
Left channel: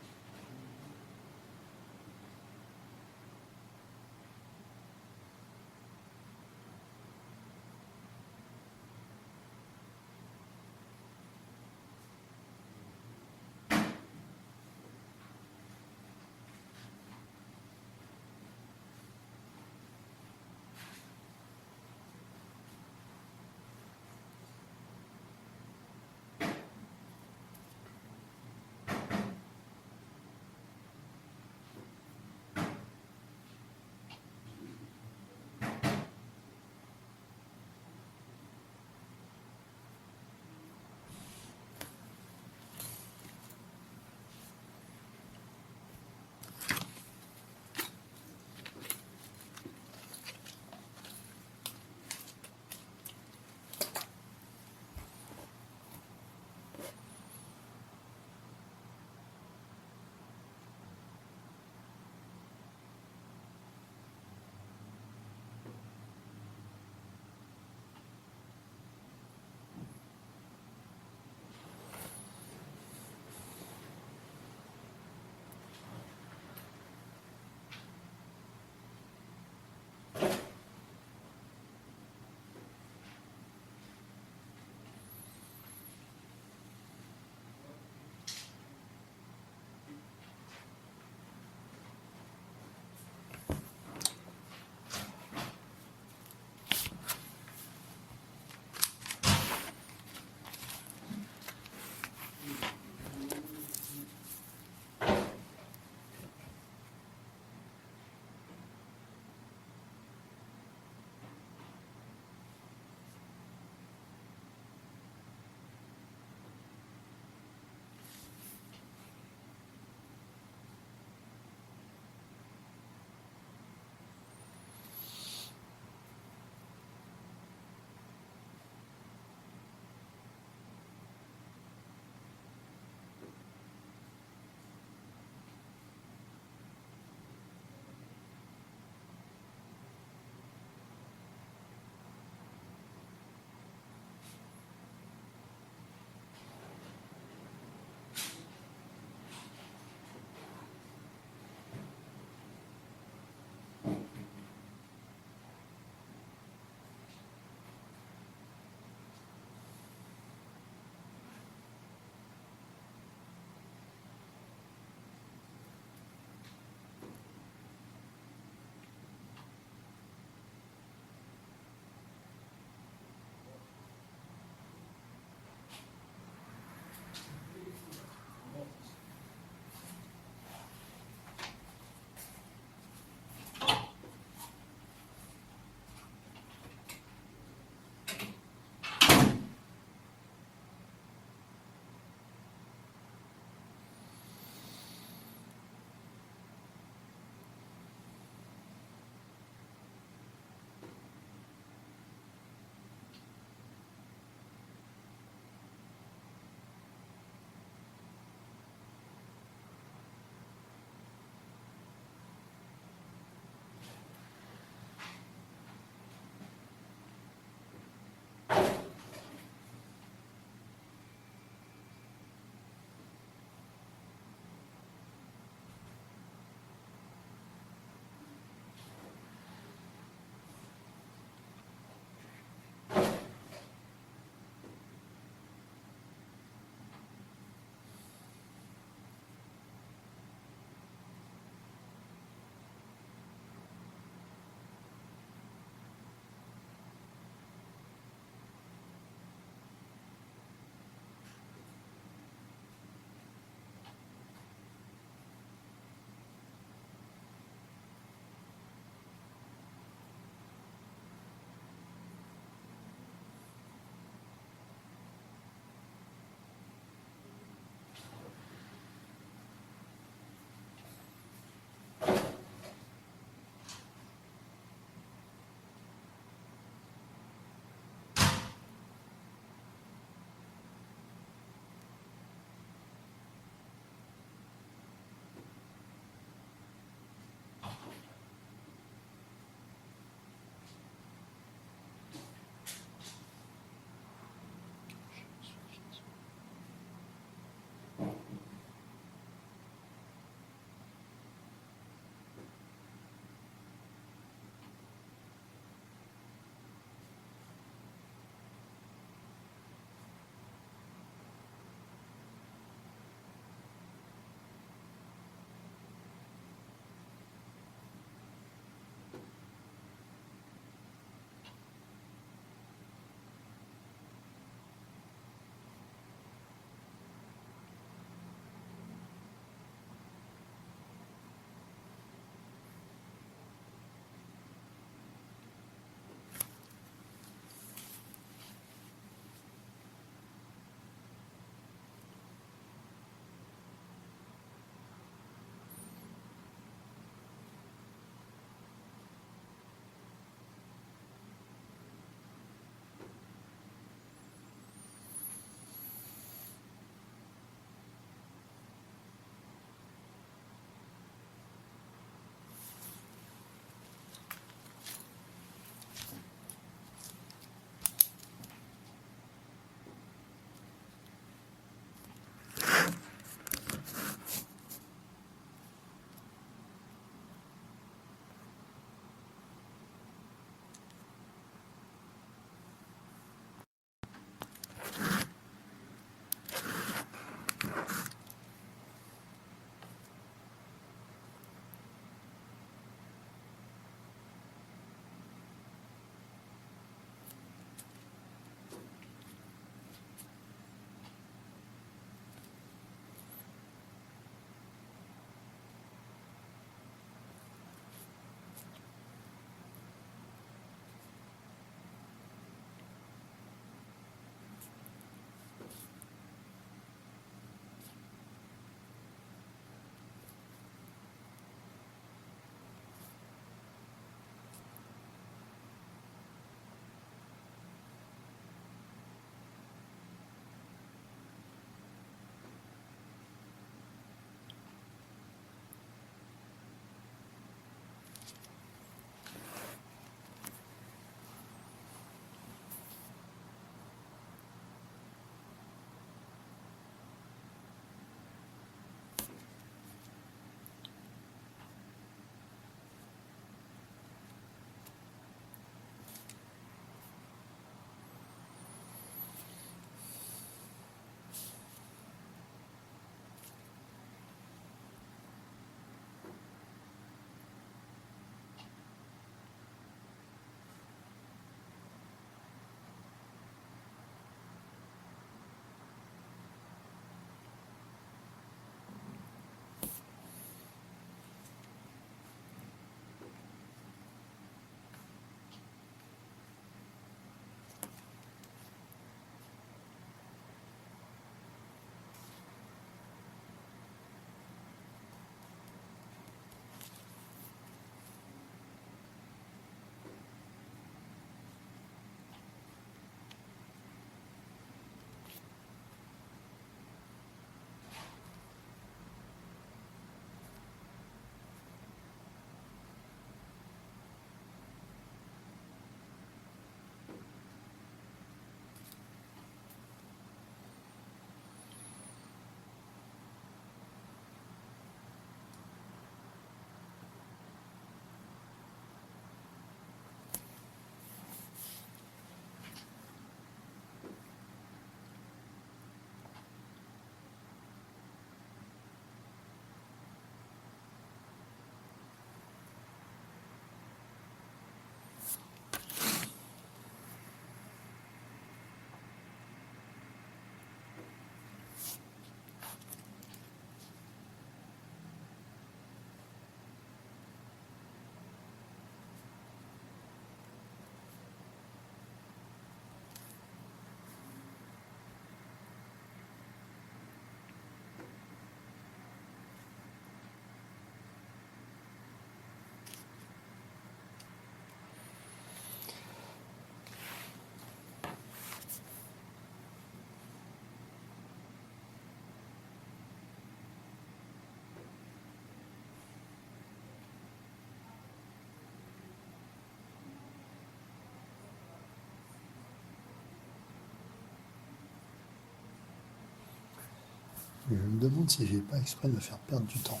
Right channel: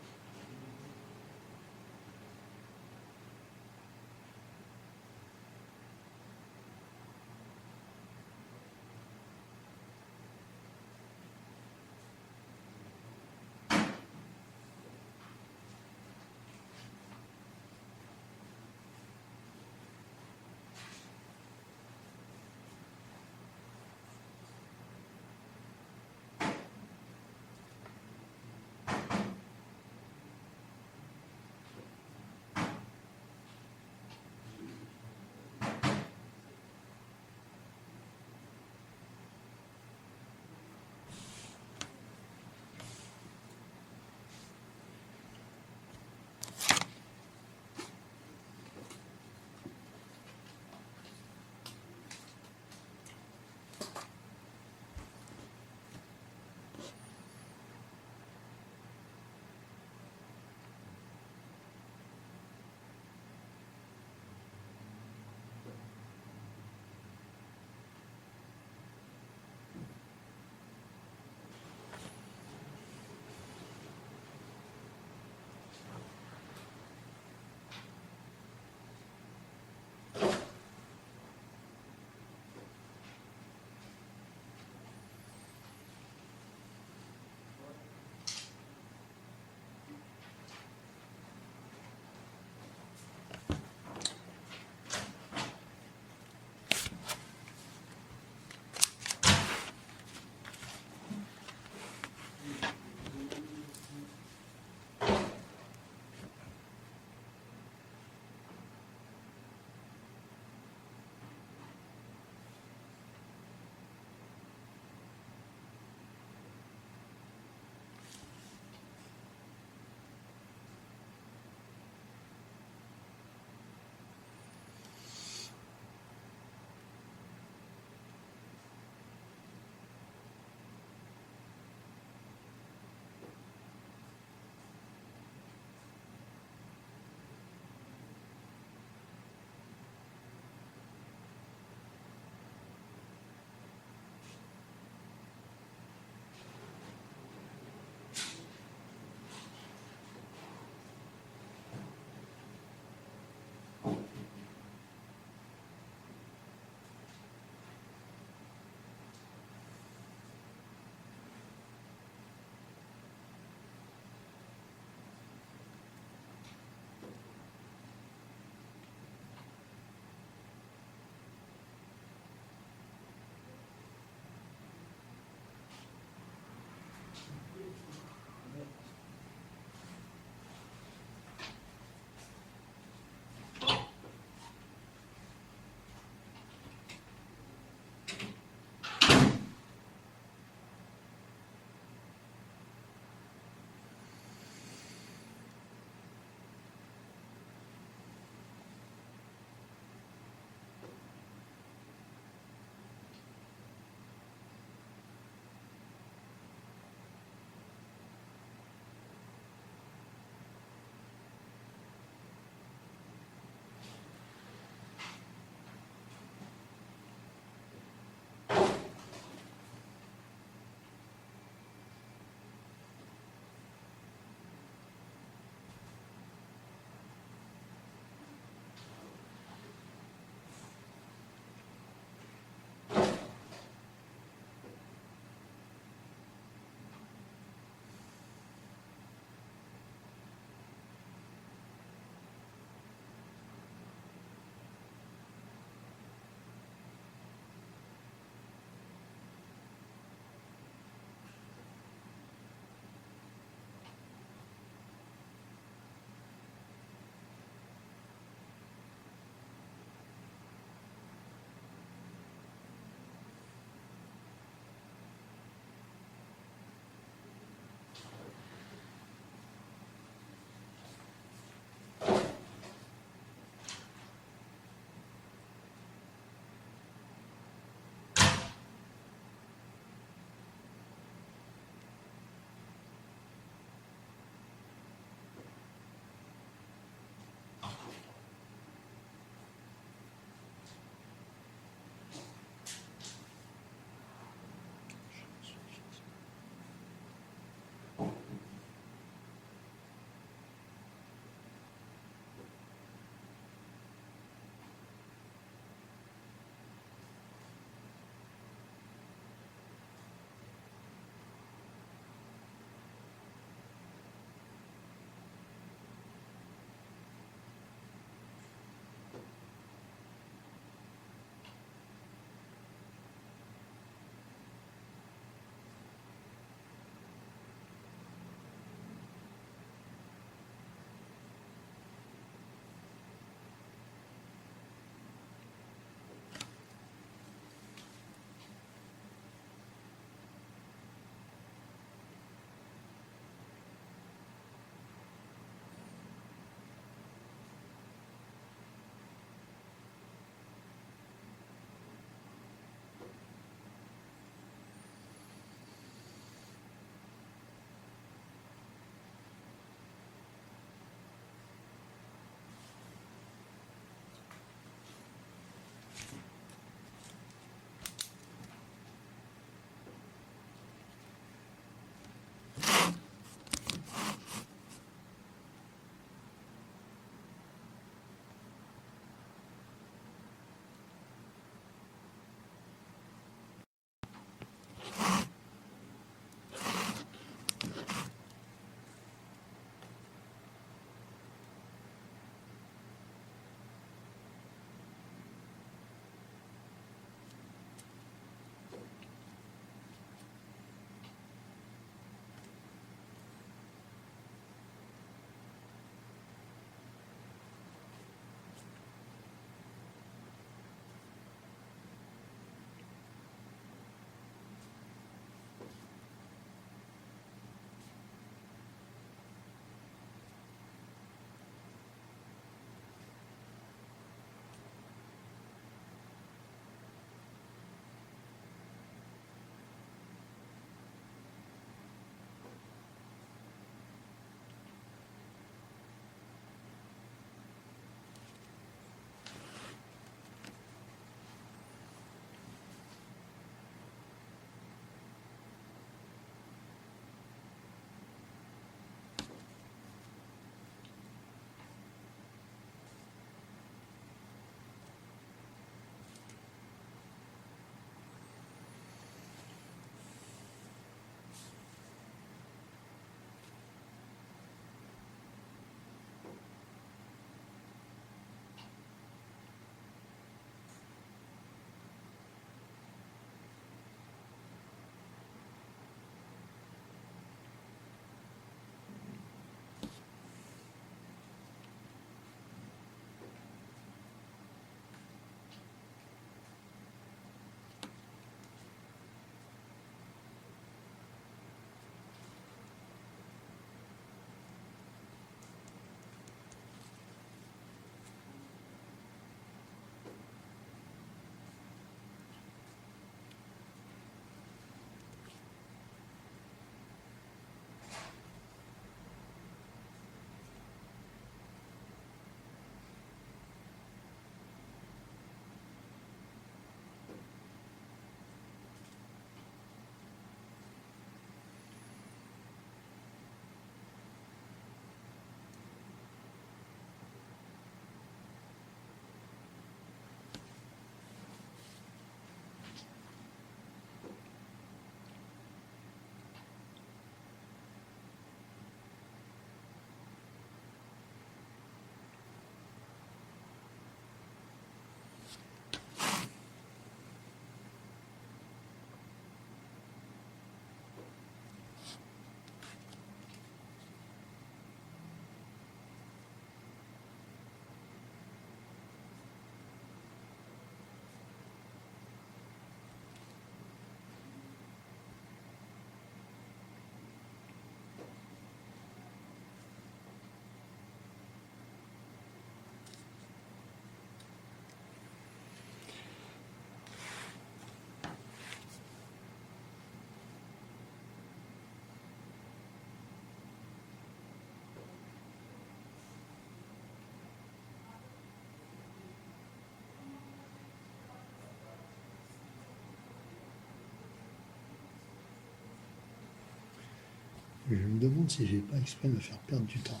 Je me demande si j'ai pas exprès de me faire perdre du temps.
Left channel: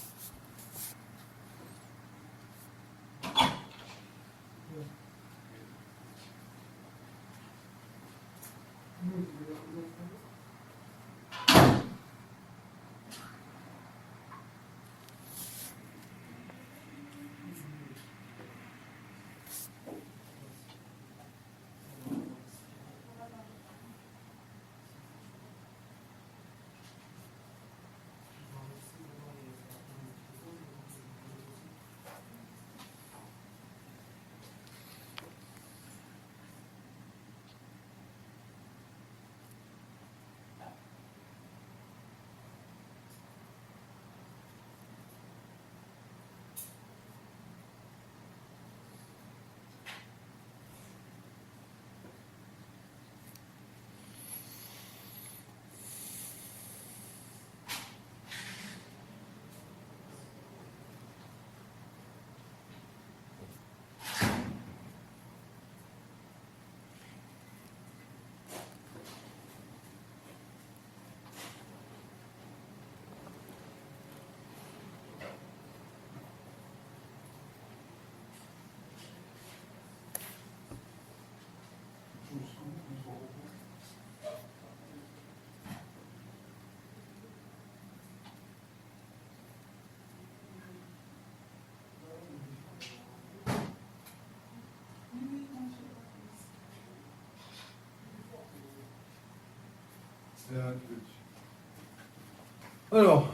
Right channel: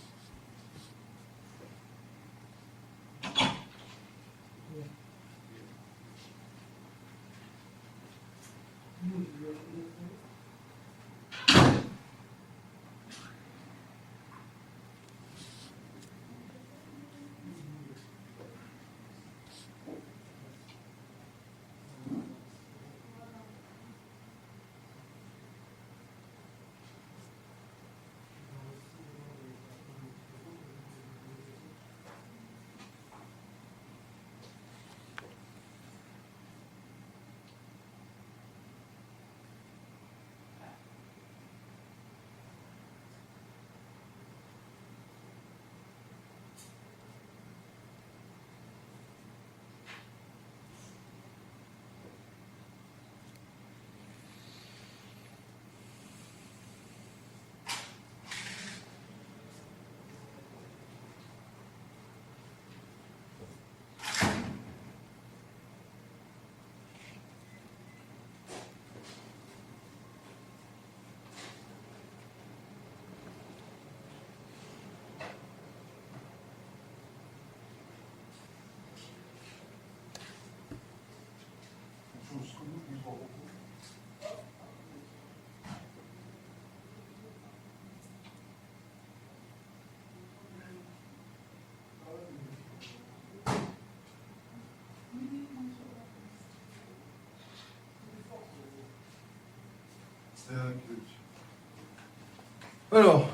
Alors.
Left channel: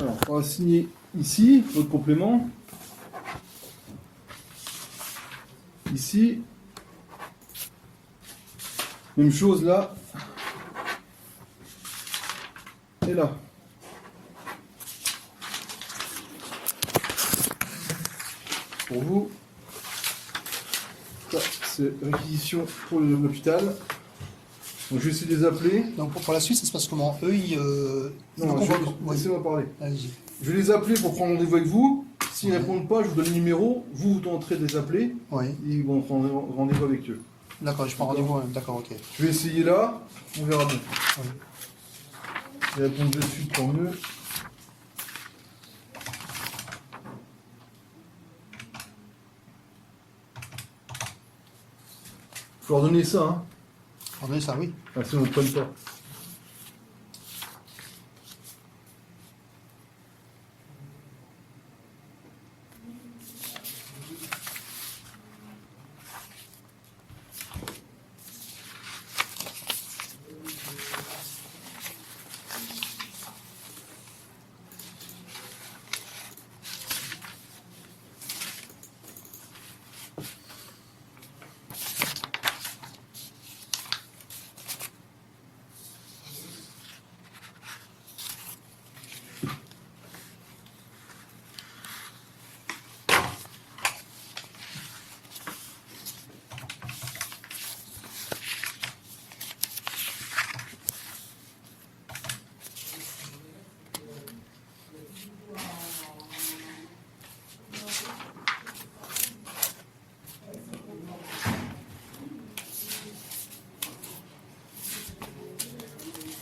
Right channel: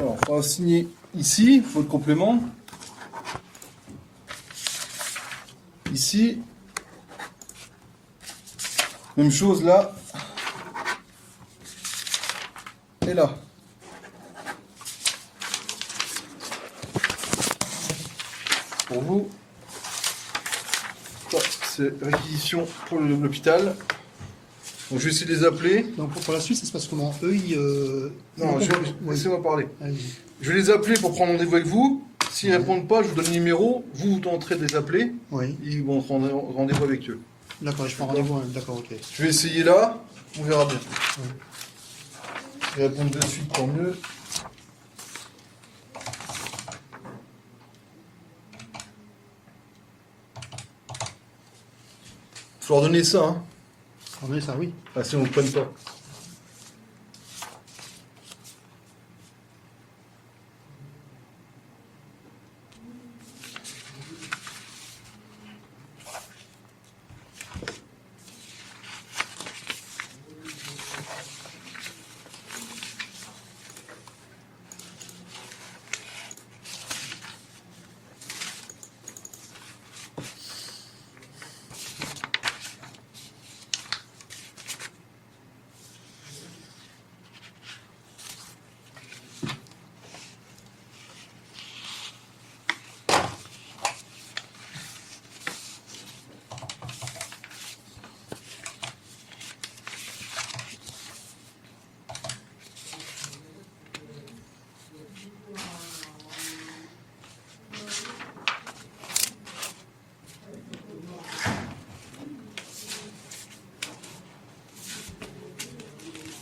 Alors, on va signer ici, votre complément. Ici. Même chose là. Et là. Pour vous. Ça, c'est réquisition pour l'hôpital. Donc je vais essayer de les appeler. Donc pour la suite, ça se passe comment? Eux, ils... Non, ils- laissez-moi parler. Allez-y. Je vais les appeler pour prendre rendez-vous avec vous. S'ils ne répondent pas, je vous donne le numéro. Vous tenterez de les appeler. Oui, Ils vont prendre rendez-vous avec eux. d'accord, je prends rendez-vous. Hein. D'accord, ok. Je vais essayer là. On verra bien. Oui. Ils répondent de suite, tant mieux. Faut leur donner ça, hein. Pardonnez ça, oui. Ah, sinon, on ne prenne pas.